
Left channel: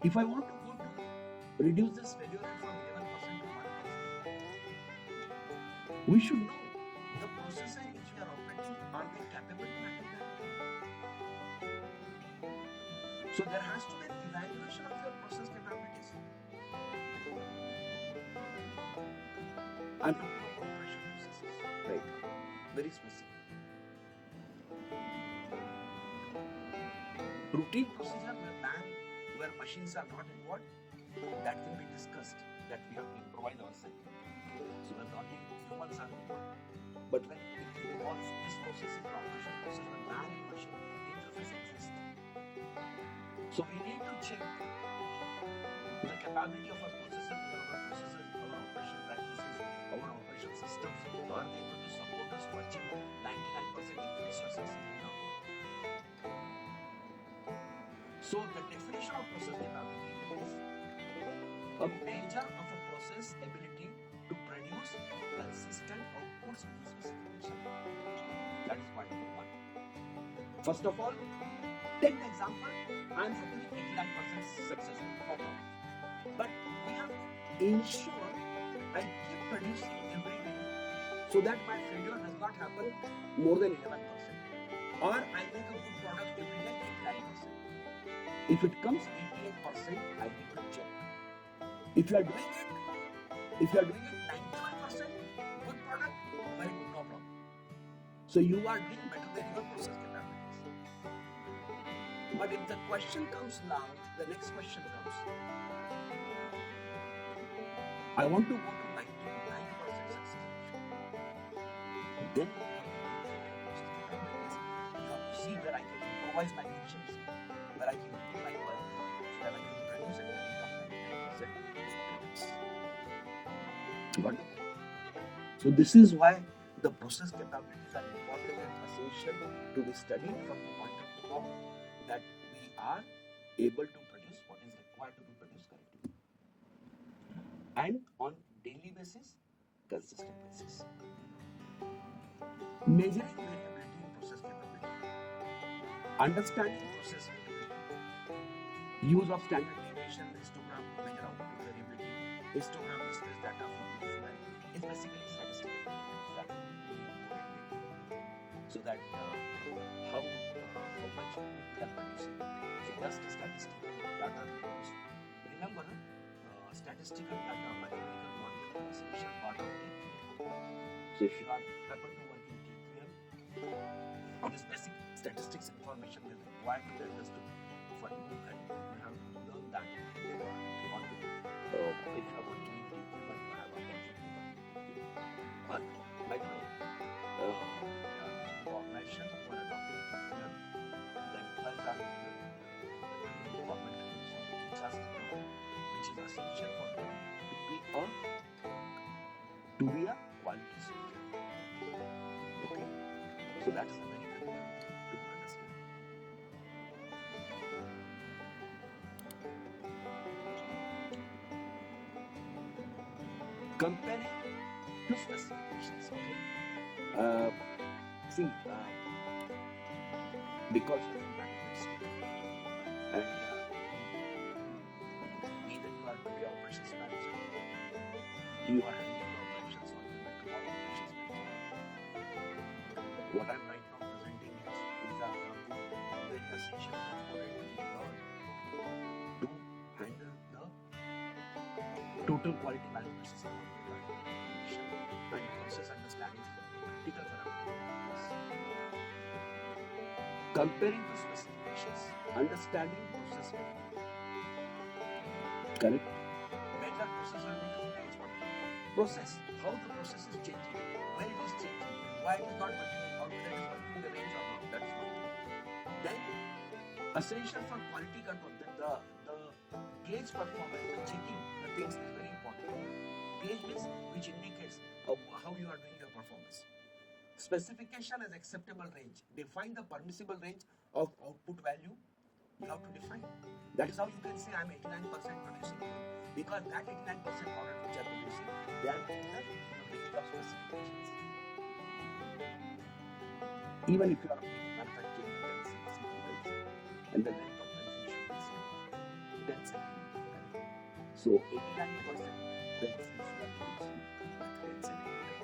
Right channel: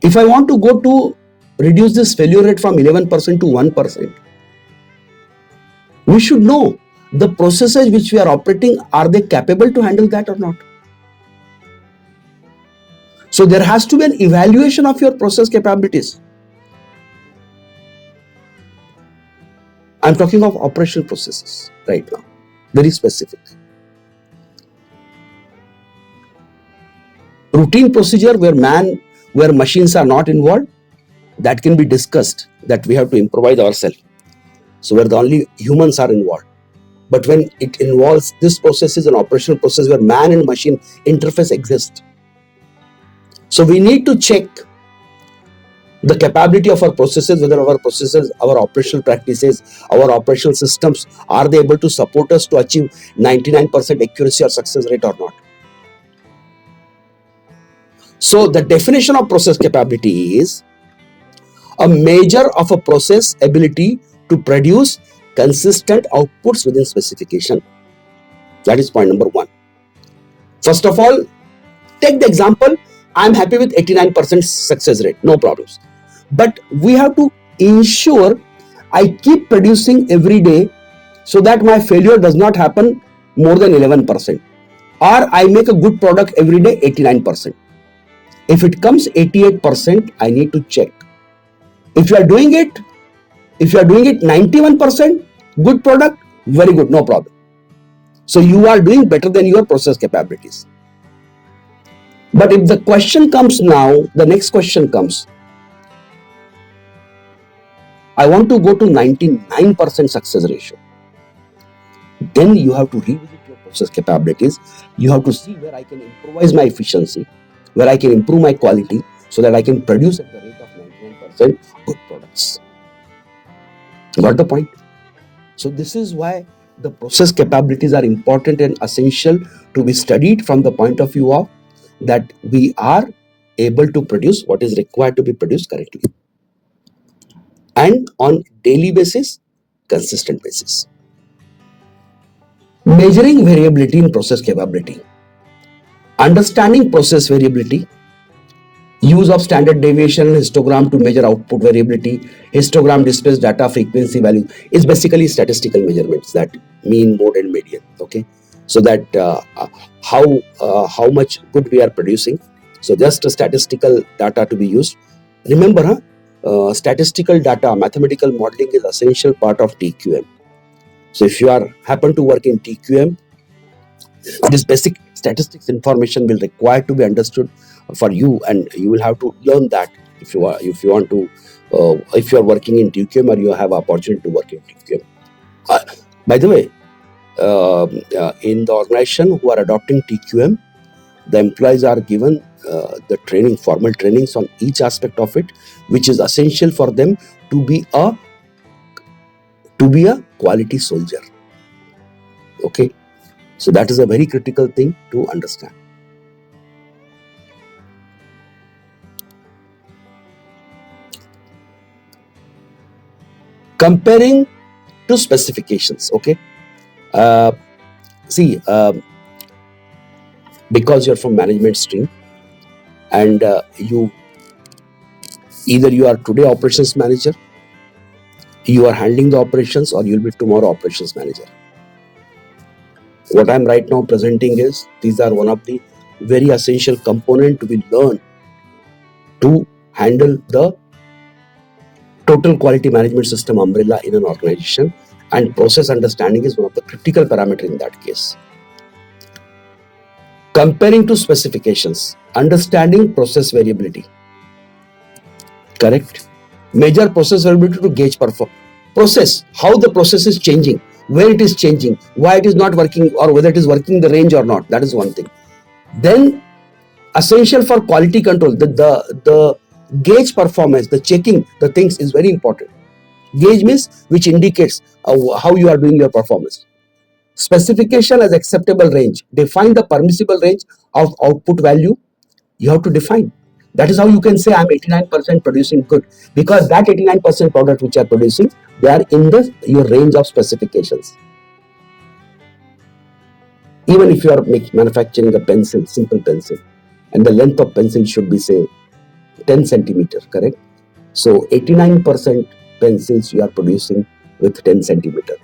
If I want to go to reduce this failure rate from 11% to 1%, we should know the processes which we are operating, are they capable to handle that or not? So there has to be an evaluation of your process capabilities. I'm talking of operational processes right now, very specific. Routine procedure where machines are not involved, that can be discussed, that we have to improvise ourselves. So where the only humans are involved. But when it involves this process is an operational process where man and machine interface exists. So we need to check the capability of our processes, whether our processes, our operational practices, our operational systems, are they able to support us to achieve 99% accuracy or success rate or not? So the definition of process capability is a measure of a process ability to produce consistent outputs within specification. That is point number one. First of all, take the example, I'm happy with 89% success rate, no problems. But we have to ensure I keep producing every day so that my failure does not happen more than 11%. or I make a good product every day 89%. If it comes 88%, I need to check. If you are doing it 91%, good product, very good, no problem. So you are doing better than your process capabilities. But if the question comes now, the next question comes, I want to go to 99% success ratio. Then you have to revisit your process capabilities. You have to see where I can improvise my efficiency, where I can improve my quality, so that I can produce at the rate of 99% good products. Got the point? So this is why the process capabilities are important and essential to be studied from the point of view of that we are able to produce what is required to be produced correctly. And on daily basis, consistent basis. Measuring variability in process capability. Understanding process variability. Use of standard deviation and histogram to measure output variability. Histogram displays data frequency value. Is basically statistical measurements, that mean, mode and median. Okay, so that how much good we are producing. So just a statistical data to be used. Remember, statistical data, mathematical modeling is essential part of TQM. So if you happen to work in TQM, this basic statistics information will require to be understood for you, and you will have to learn that if you want to if you are working in TQM or you have opportunity to work in TQM. By the way, in the organization who are adopting TQM, the employees are given the training, formal trainings on each aspect of it, which is essential for them to be a quality soldier. Okay, so that is a very critical thing to understand. Comparing to specifications. Okay, see, because you're from management stream, and you are today operations manager, you are handling the operations, or you'll be tomorrow operations manager. What I'm right now presenting is, these are one of the very essential component to be learned to handle the total quality management system umbrella in an organization, and process understanding is one of the critical parameters in that case. Comparing to specifications, understanding process variability. Correct? Measure process variability to gauge process, how the process is changing, where it is changing, why it is not working, or whether it is working the range or not. That is one thing. Then, essential for quality control, the gauge performance, the checking the things is very important. Gauge means which indicates how you are doing your performance. Specification as acceptable range. Define the permissible range of output value. You have to define. That is how you can say I'm 89% producing good, because that 89% product which you are producing, they are in your range of specifications. Even if you are manufacturing a pencil, simple pencil, and the length of pencil should be, say, 10 centimeters, correct? So 89% pencils you are producing with 10 centimeter.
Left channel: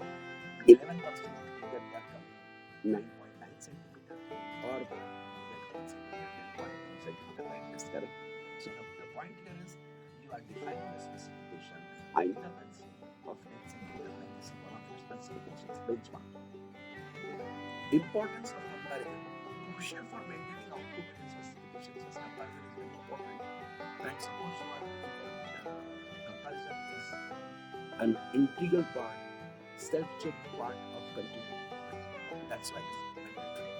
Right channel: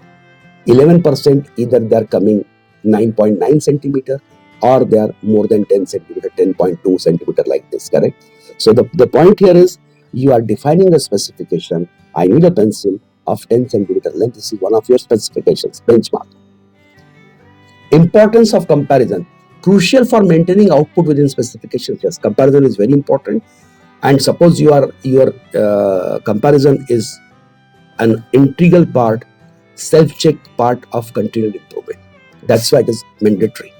11% either they are coming 9.9 centimeter, or they are more than 10 centimeter, 10.2 centimeter, like this, correct? So the point here is, you are defining a specification. I need a pencil of 10 centimeter length. This is one of your specifications, benchmark. Importance of comparison. Crucial for maintaining output within specifications. Yes, comparison is very important. And suppose your comparison is an integral part, self-check part of continued improvement. That's why it is mandatory.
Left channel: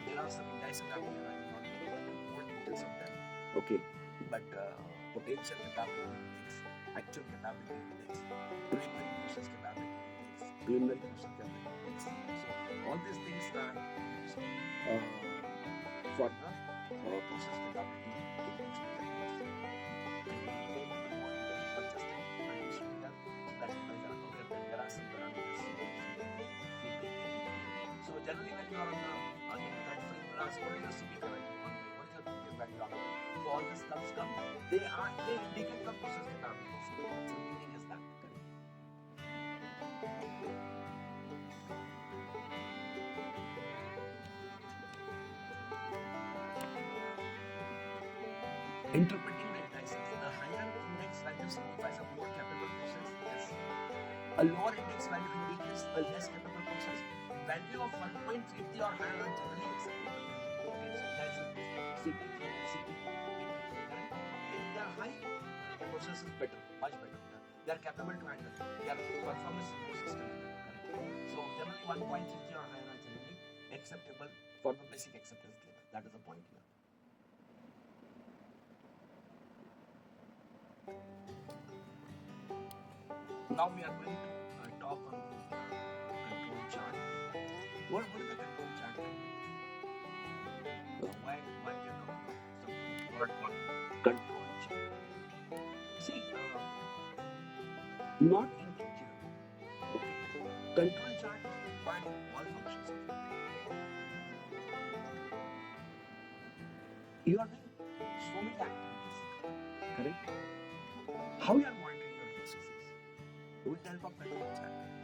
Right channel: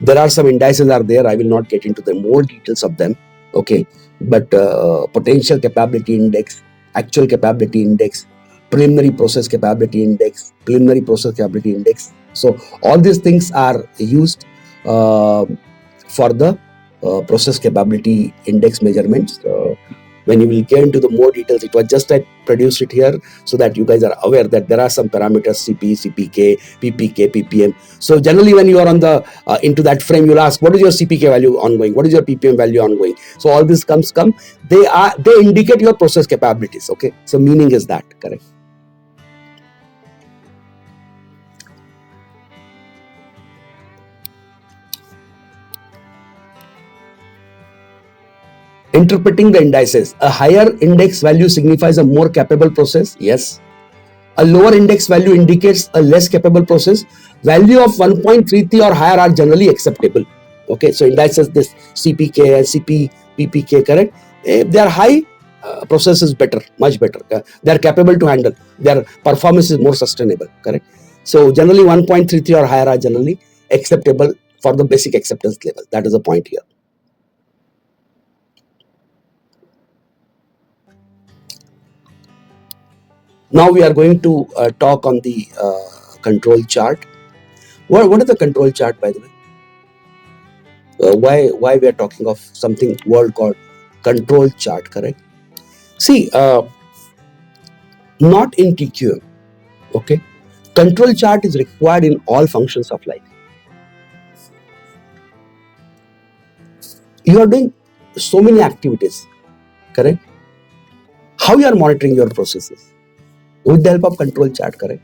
There are some indices are there. I will not get into the more details of them. Okay, but potential capability index, actual capability index, preliminary process capability index, preliminary process capability index. So all these things are used for the process capability index measurements. When you will get into the more details, it was just I produced it here so that you guys are aware that there are some parameters, CP, CPK, PPK, PPM. So generally when you are on the into that frame, you'll ask, what is your CPK value ongoing? What is your PPM value ongoing? So all this come. They indicate your process capabilities. Okay, so meaning is that correct? Interpreting the indices. A higher index value signifies a more capable process. Yes. A lower index value indicates a less capable process. Value of 1.33 or higher are generally acceptable. Okay, so indices this CPK and PPK, correct? If they are high, process is better, much better. They are capable to handle. Their performance is more sustainable, correct? So generally 1.33 or higher are generally acceptable for the basic acceptance level. That is the point here. Now we are going to talk on the control chart. What is the control chart, by the way? Why we are talking of something word called control chart, correct? See, not in TQM, okay? Control chart is required in all functions of life. You are doing so many activities, correct? How you are monitoring your processes? With the help of control chart, correct?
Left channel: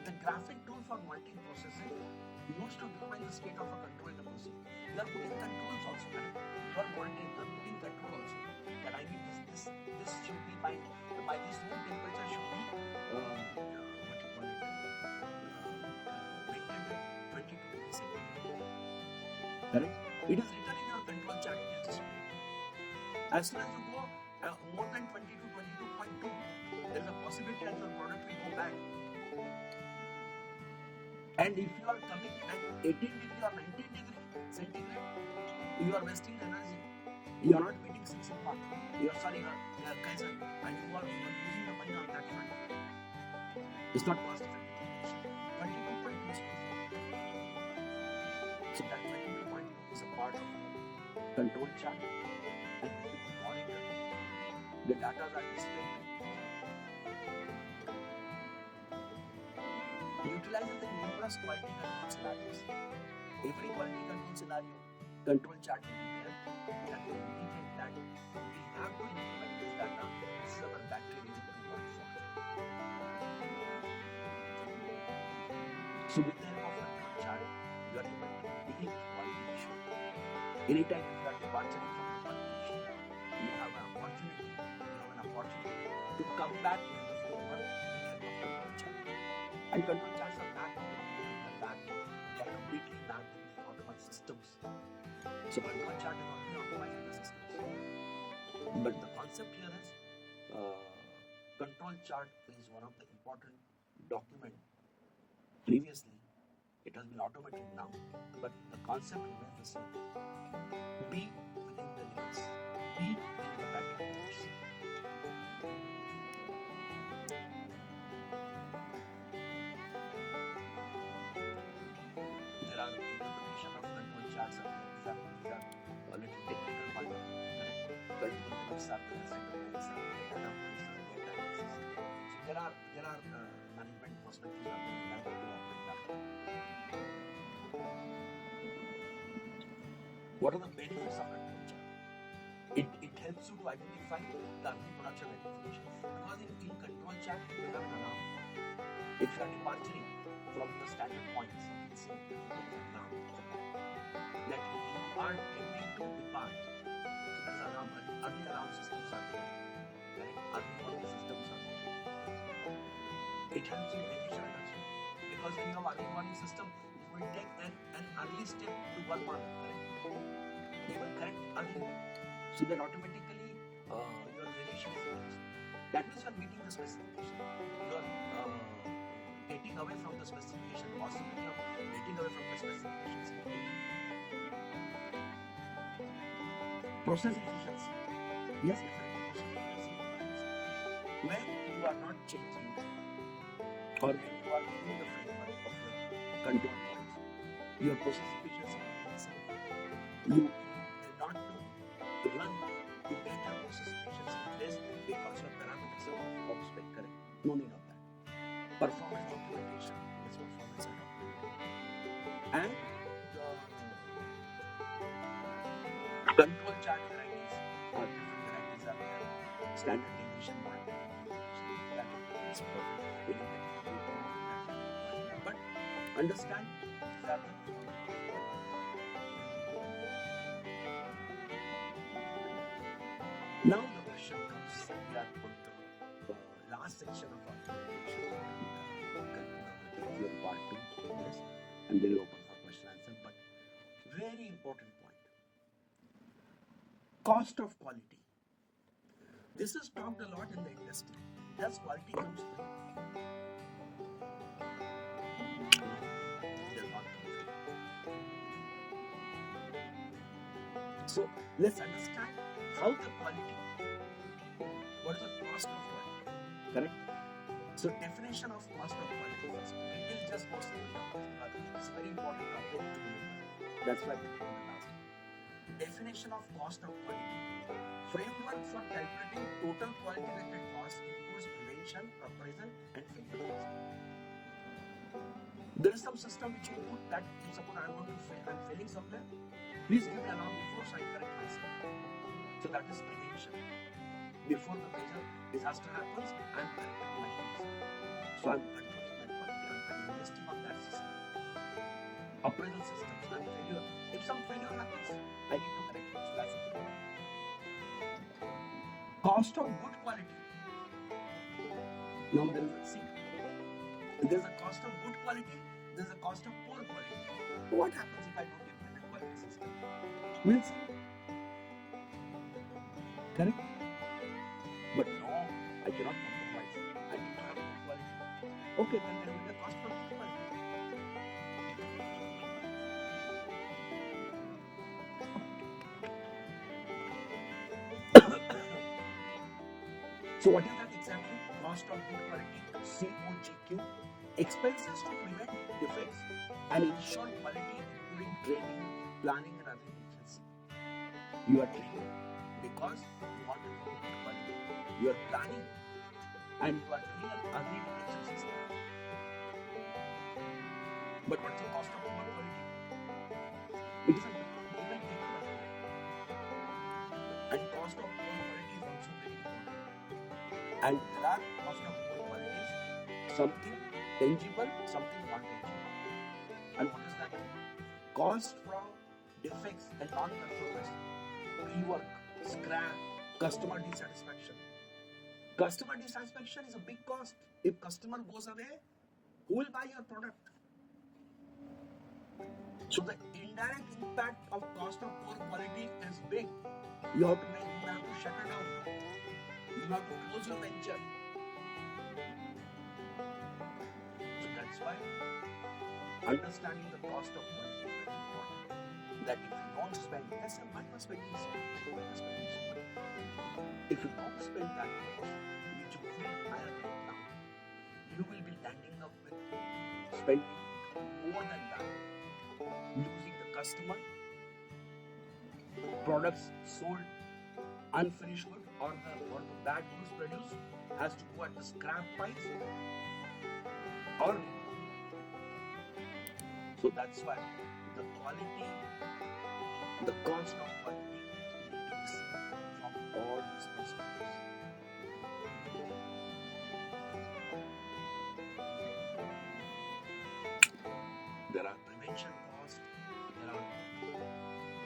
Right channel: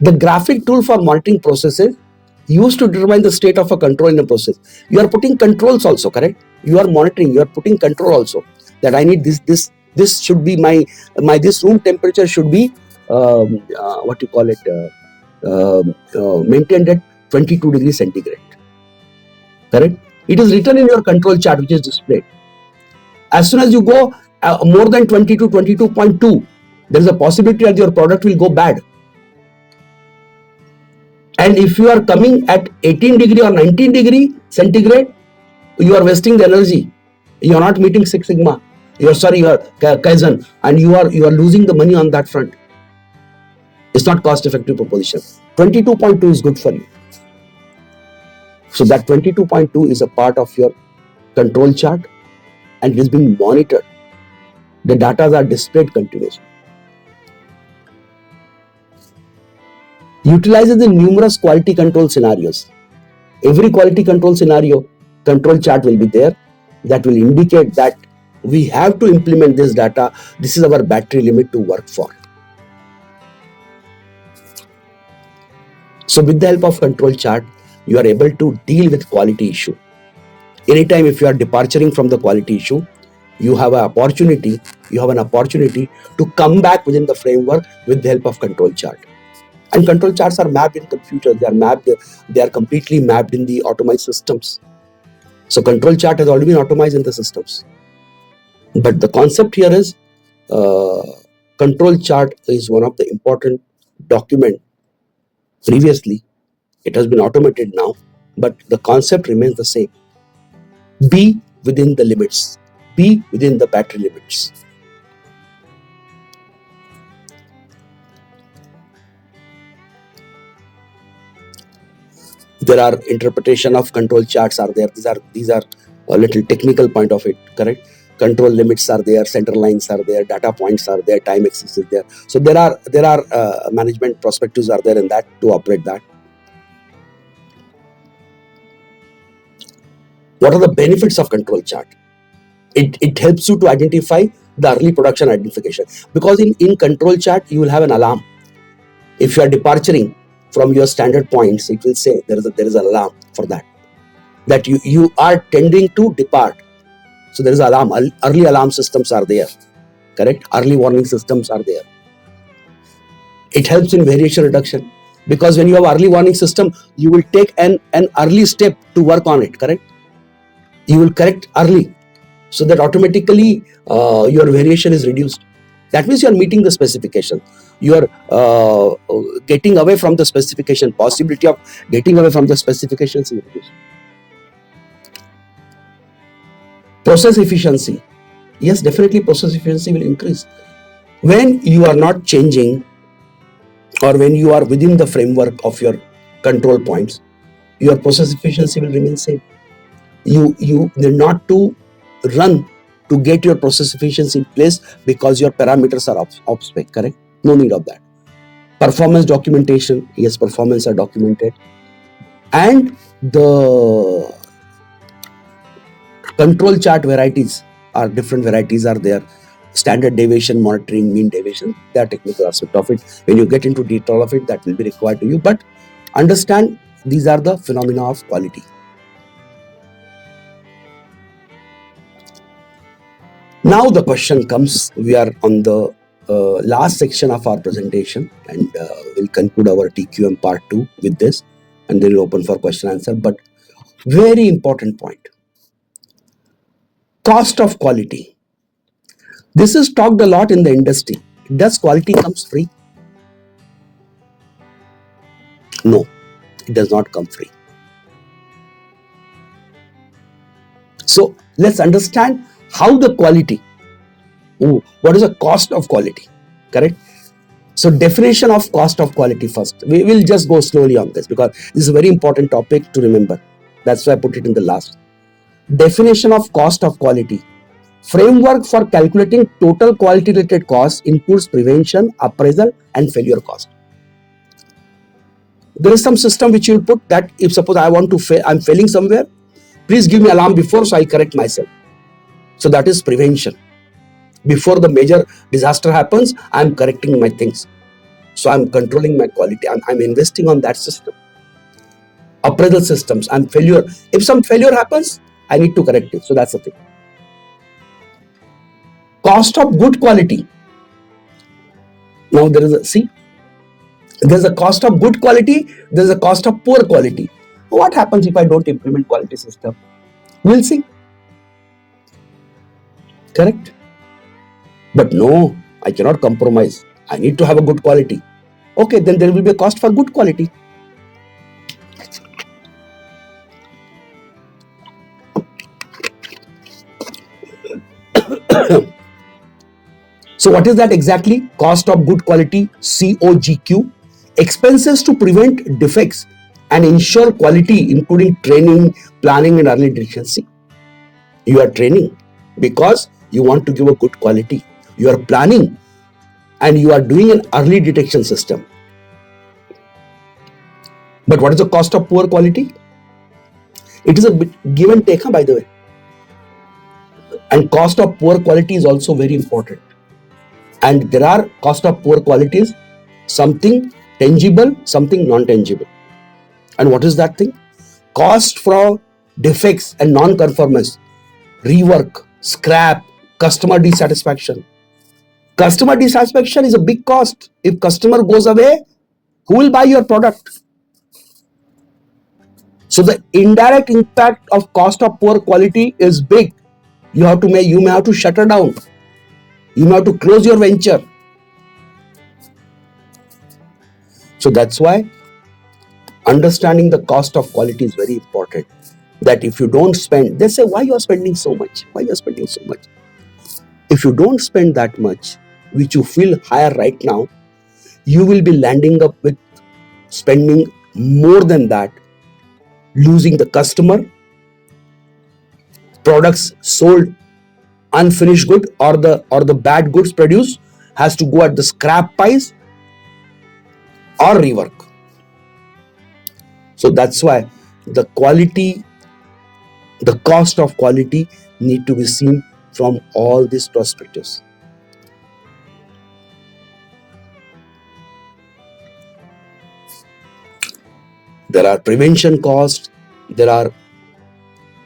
The graphic tool for monitoring processes used to determine the state of a control in a process. You are putting controls also, correct? You are monitoring, you are putting control also. That I need this should be my this room temperature should be what you call it maintained at 22 degrees centigrade, correct? It is written in your control chart which is displayed. As soon as you go more than 22, 22.2, there is a possibility that your product will go bad. And if you are coming at 18 degree or 19 degree centigrade, you are wasting the energy. You are not meeting Six Sigma. You are Kaizen, and you are losing the money on that front. It's not cost effective proposition. 22.2 is good for you. So that 22.2 is a part of your control chart and it is being monitored. The data are displayed continuously. Utilizes the numerous quality control scenarios. Every quality control scenario, control chart will be there that will indicate that we have to implement this data. This is our battery limit to work for. So with the help of control chart, you are able to deal with quality issue. Anytime if you are departing from the quality issue, you have an opportunity to come back within the framework with the help of control chart. And control charts are mapped in computers. They are completely mapped in the automized systems. So control chart has already been automized in the systems. But the concept here is control chart is one of the important document. Previously, it has been automated now, but the concept remains the same. Be within the limits. Be within the battery limits. There are interpretation of control charts are there. These are a little technical point of it, correct? Control limits are there, center lines are there, data points are there, time axis is there. So there are management perspectives are there in that to operate that. What are the benefits of control chart? It helps you to identify the early production identification, because in control chart you will have an alarm. If you are departing from your standard points, it will say there is an alarm for that you are tending to depart. So there is an alarm. Early alarm systems are there, correct? Early warning systems are there. It helps in variation reduction, because when you have early warning system, you will take an early step to work on it, correct? You will correct early, so that automatically your variation is reduced. That means you are meeting the specification. You are getting away from the specification. Possibility of getting away from the specifications is reduced. Process efficiency. Yes, definitely process efficiency will increase. When you are not changing, or when you are within the framework of your control points, your process efficiency will remain same. You need not to run to get your process efficiency in place because your parameters are off spec, correct? No need of that. Performance documentation, yes, performance are documented. And the control chart varieties are different varieties are there. Standard deviation monitoring, mean deviation, they are technical aspect of it. When you get into detail of it, that will be required to you. But understand these are the phenomena of quality. Now the question comes, we are on the last section of our presentation, and we'll conclude our TQM part 2 with this, and then we'll open for question answer. But very important point, cost of quality. This is talked a lot in the industry. Does quality comes free? No, it does not come free. So let's understand how the quality, what is the cost of quality, correct? So definition of cost of quality first. We will just go slowly on this because this is a very important topic to remember. That's why I put it in the last. Definition of cost of quality. Framework for calculating total quality related costs includes prevention, appraisal and failure cost. There is some system which you will put that if suppose I want to fail, I'm failing somewhere, please give me alarm before so I correct myself. So that is prevention. Before the major disaster happens, I'm correcting my things. So I'm controlling my quality. I'm investing on that system. Appraisal systems and failure. If some failure happens, I need to correct it. So that's the thing. Cost of good quality. Now there is a, there's a cost of good quality, there's a cost of poor quality. What happens if I don't implement quality system? We'll see. Correct? But no, I cannot compromise. I need to have a good quality. Okay, then there will be a cost for good quality. So what is that exactly? Cost of good quality, COGQ. Expenses to prevent defects and ensure quality, including training, planning and early detection. See, you are training because you want to give a good quality. You are planning and you are doing an early detection system. But what is the cost of poor quality? It is a give and take, by the way. And cost of poor quality is also very important. And there are cost of poor qualities, something tangible, something non-tangible. And what is that thing? Cost for defects and non-conformance, rework, scrap, customer dissatisfaction. Customer dissatisfaction is a big cost. If customer goes away, who will buy your product? So the indirect impact of cost of poor quality is big. You may have to shutter down. You may have to close your venture. So that's why understanding the cost of quality is very important. That if you don't spend, they say, why you are spending so much? Why you are spending so much? If you don't spend that much, which you feel higher right now, you will be landing up with spending more than that, losing the customer, products sold unfinished good, or the bad goods produced has to go at the scrap price or rework. So that's why the quality, the cost of quality need to be seen from all these perspectives. There are prevention costs, there are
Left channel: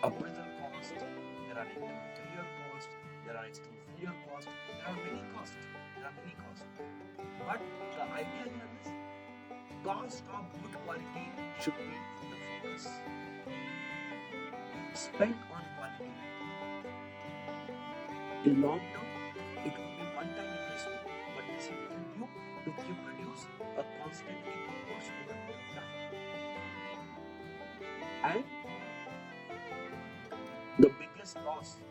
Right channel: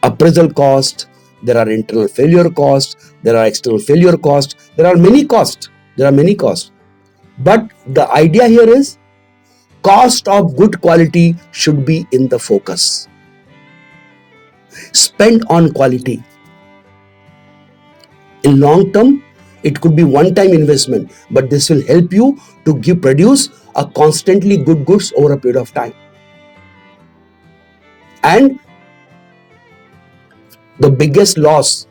appraisal costs, there are internal failure costs, there are external failure costs, there are many costs. But the idea here is cost of good quality should be in the focus. Spend on quality. In long term, it could be one-time investment, but this will help you to produce a constantly good goods over a period of time. And the biggest loss,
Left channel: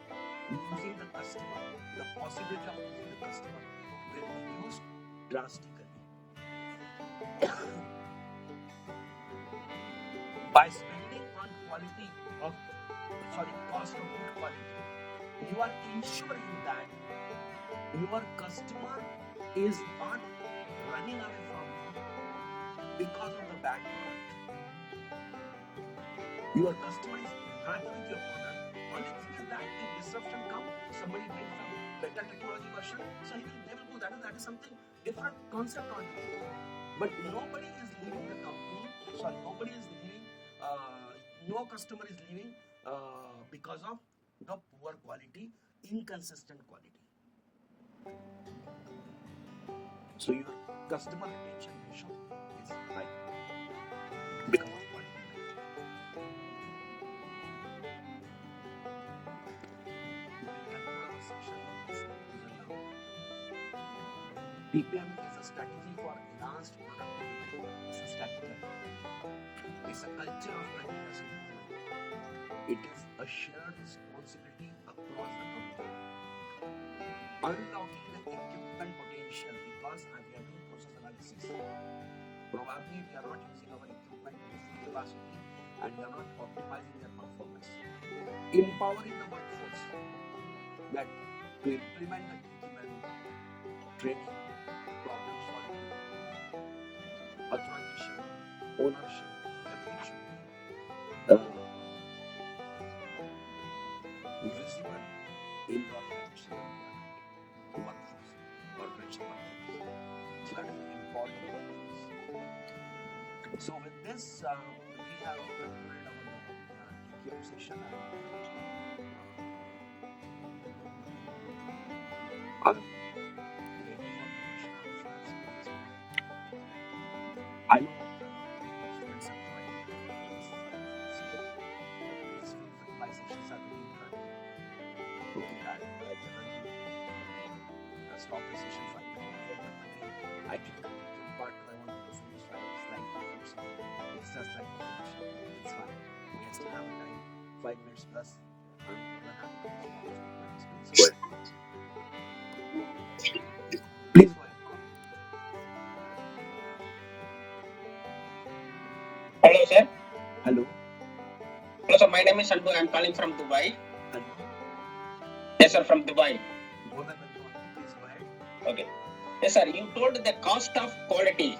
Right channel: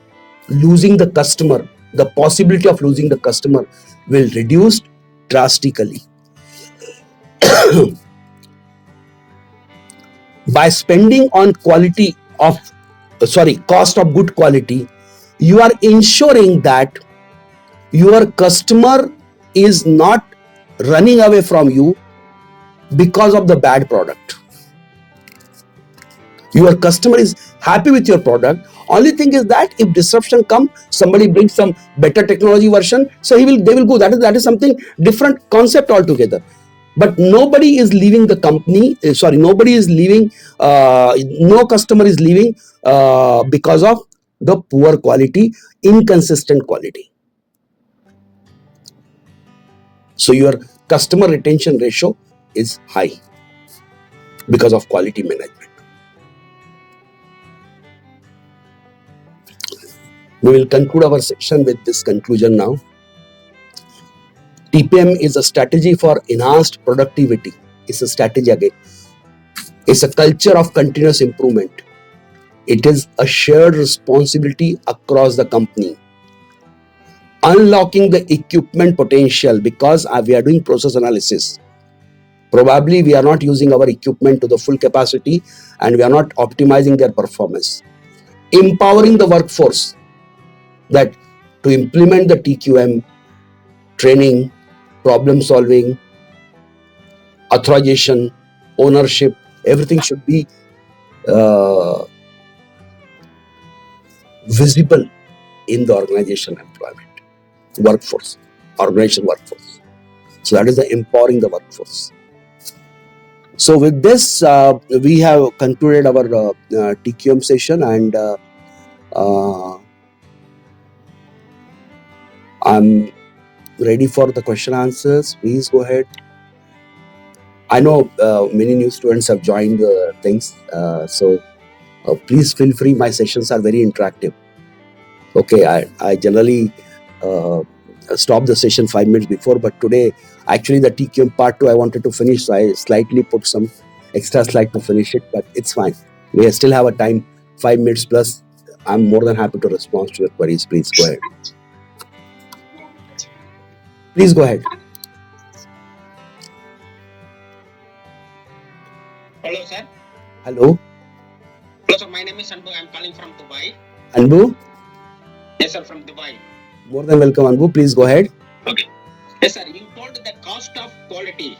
losing the customer, the possibility of losing the customer will reduce drastically. By spending on cost of good quality, you are ensuring that your customer is not running away from you because of the bad product. Your customer is happy with your product. Only thing is that if disruption comes, somebody brings some better technology version, so they will go. That is something different concept altogether. But nobody is leaving the company. Nobody is leaving. No customer is leaving because of the poor quality, inconsistent quality. So your customer retention ratio is high because of quality management. We will conclude our section with this conclusion now. TPM is a strategy for enhanced productivity. It's a strategy again. It's a culture of continuous improvement. It is a shared responsibility across the company. Unlocking the equipment potential, because we are doing process analysis. Probably we are not using our equipment to the full capacity and we are not optimizing their performance. Empowering the workforce, that to implement the TQM, training, problem solving, authorization, ownership, everything should be visible in the organization employment, organization workforce. So that is the empowering the workforce. So with this, we have concluded our TQM session, and I'm ready for the question answers. Please go ahead. I know many new students have joined things, so please feel free. My sessions are very interactive. Okay, I generally stop the session 5 minutes before, but today actually the TQM part 2 I wanted to finish, so I slightly put some extra slide to finish it, but it's fine. We still have a time, 5 minutes plus. I'm more than happy to respond to your queries. Please go ahead. Please go ahead. Hello, sir. Hello. Hello, sir. My name is Anbu. I'm calling from Dubai. Anbu? Yes, sir, from Dubai. More than welcome, Anbu. Please go ahead. Okay. Yes, sir. You told the cost of quality.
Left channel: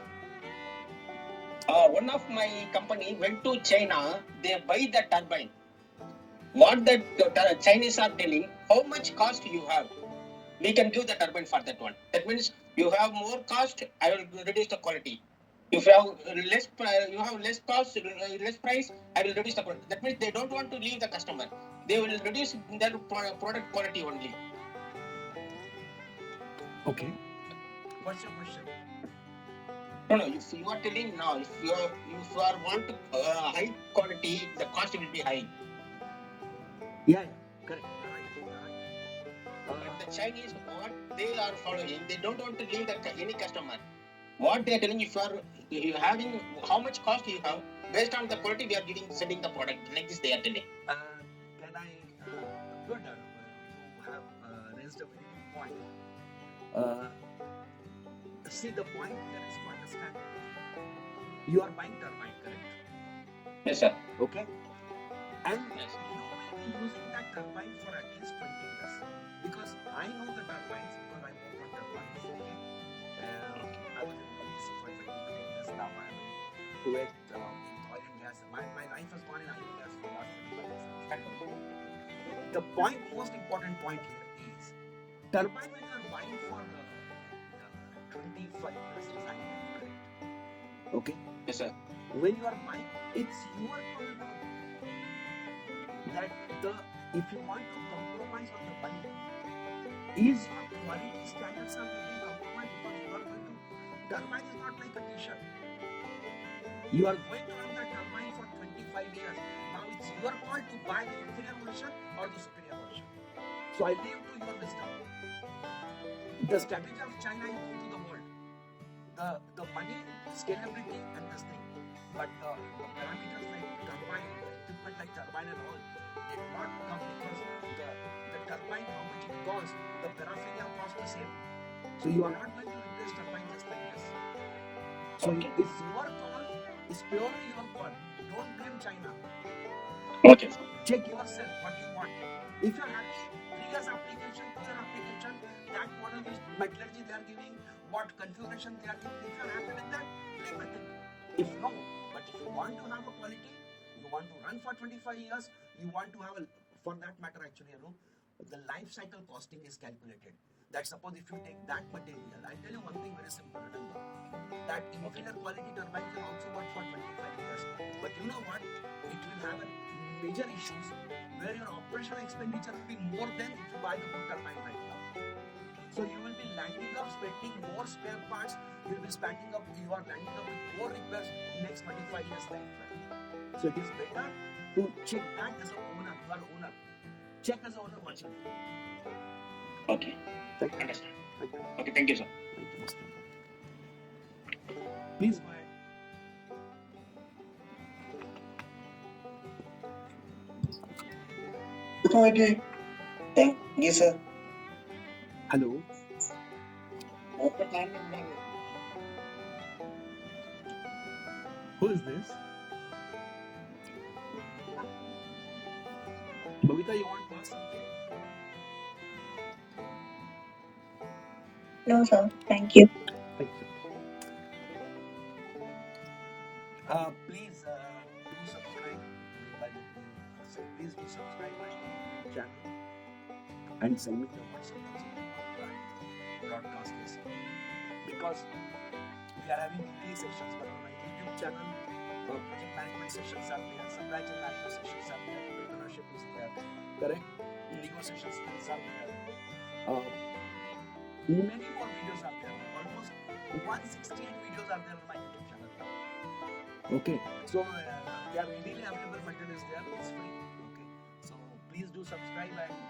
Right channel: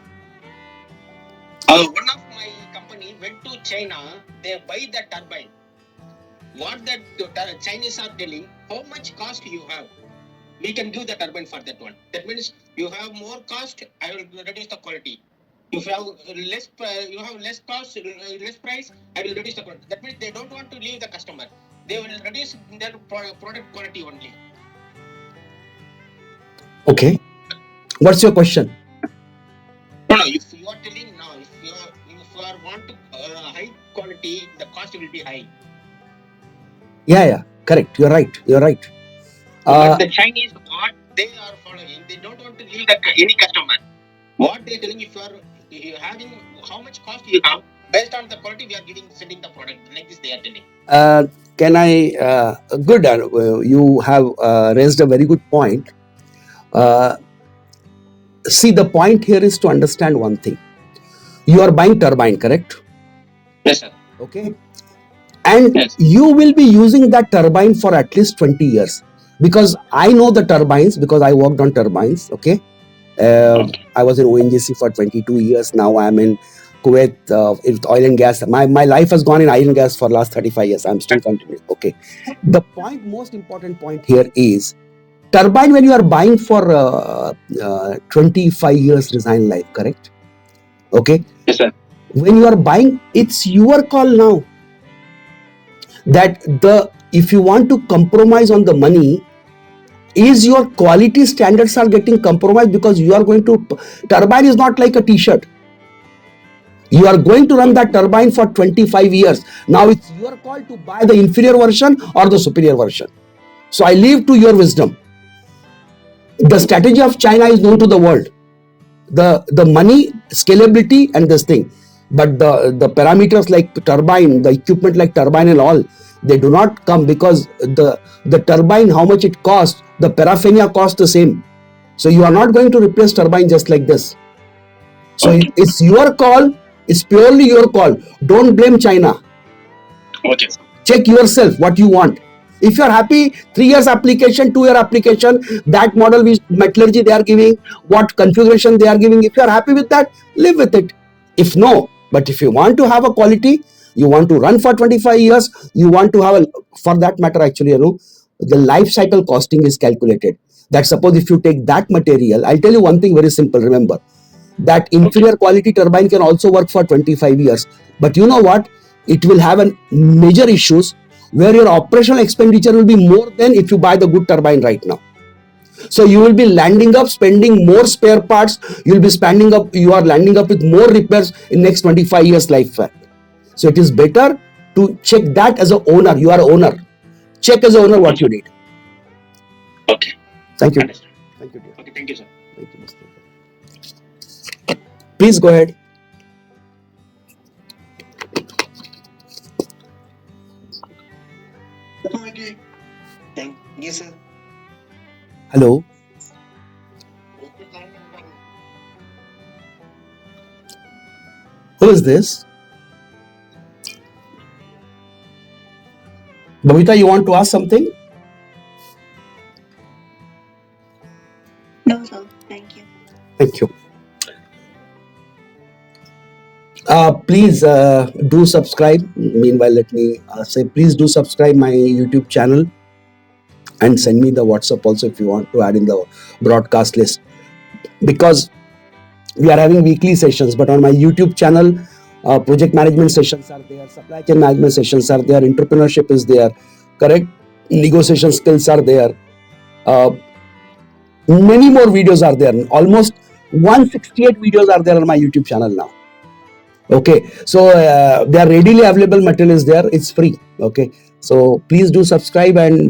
One of my company went to China. They buy the turbine. What the Chinese are telling, how much cost you have? We can give the turbine for that one. That means you have more cost, I will reduce the quality. If you have less cost, less price, I will reduce the quality. That means they don't want to leave the customer. They will reduce their product quality only. Okay. What's your question? No, if you are telling now, if you are want high quality, the cost will be high. Yeah, correct. You're right. But the Chinese, what they are following, they don't want to leave any customer. What they are telling, if you are having how much cost you have, based on the quality we are sending the product. Like this, they are telling. Can I? Good. You have raised a very good point. See, the point here is to understand one thing. You are buying turbine, correct? Yes, sir. Okay. And yes, you will be using that turbine for at least 20 years. Because I know the turbines, because I worked on turbines. Okay. I was in ONGC for 22 years. Now I'm in Kuwait with oil and gas. My life has gone in oil and gas for last 35 years. I'm still continuing. Okay. The most important point here is turbine when you are buying for 25 years design life, correct? Okay. Yes, sir. When you are buying, it's your call now. That if you want to compromise on the money, is your quality standards are getting compromised, because you are going to, turbine is not like a t-shirt. You are going to run that turbine for 25 years. Now it's your call to buy the inferior version or the superior version. So I leave to your wisdom. The strategy of China is known to the world. The money, scalability and this thing. But the parameters like turbine, the equipment like turbine and all, they do not come, because the turbine, how much it costs, the paraphernalia costs the same. So you are not going to replace turbine just like this. So it's your call. It's purely your call. Don't blame China. Okay. Check yourself what you want. If you are happy, 3 years application, 2 year application, that model with metallurgy they are giving, what configuration they are giving, if you are happy with that, live with it. If no, but if you want to have a quality, you want to run for 25 years, you want to have for that matter, actually, the life cycle costing is calculated. That suppose if you take that material, I'll tell you one thing very simple, remember, that inferior quality turbine can also work for 25 years. But you know what? It will have major issues. where your operational expenditure will be more than if you buy the good turbine right now. So you will be landing up spending more spare parts. You are landing up with more repairs in next 25 years lifespan. So it is better to check that as an owner. You are an owner. Check as an owner what you need. Okay. Thank you. Understood. Okay, thank you, sir. Please go ahead. Okay. Thank you, sir. Hello. Who is this? Babita, you want to ask something? No, sir. Thank you. Thank you. Please do subscribe. Meanwhile, let me say, please do subscribe my YouTube channel and send me the WhatsApp also if you want to add in the broadcast list. Because we are having weekly sessions, but on my YouTube channel, project management sessions are there, supply chain management sessions are there, entrepreneurship is there, correct? Negotiation skills are there. Many more videos are there. Almost 168 videos are there on my YouTube channel now. Okay, so they are readily available. Material is there. It's free. Okay, so please do subscribe and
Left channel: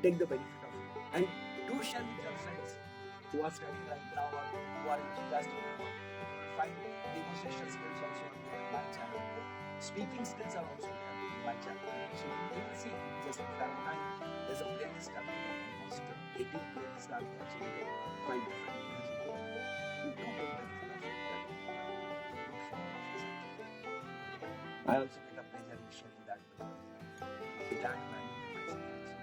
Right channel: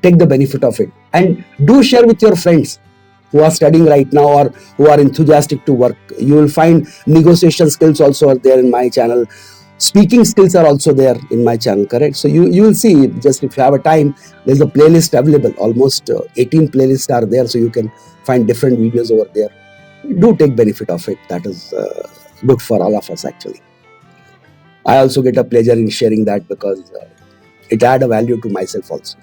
take the benefit of it, and do share with your friends who are studying right now or who are enthusiastic to work. You will find negotiation skills also are there in my channel. Speaking skills are also there in my channel, correct? So you will see, just if you have a time, there's a playlist available. Almost 18 playlists are there, so you can find different videos over there. Do take benefit of it. That is good for all of us, actually. I also get a pleasure in sharing that because it add a value to myself also.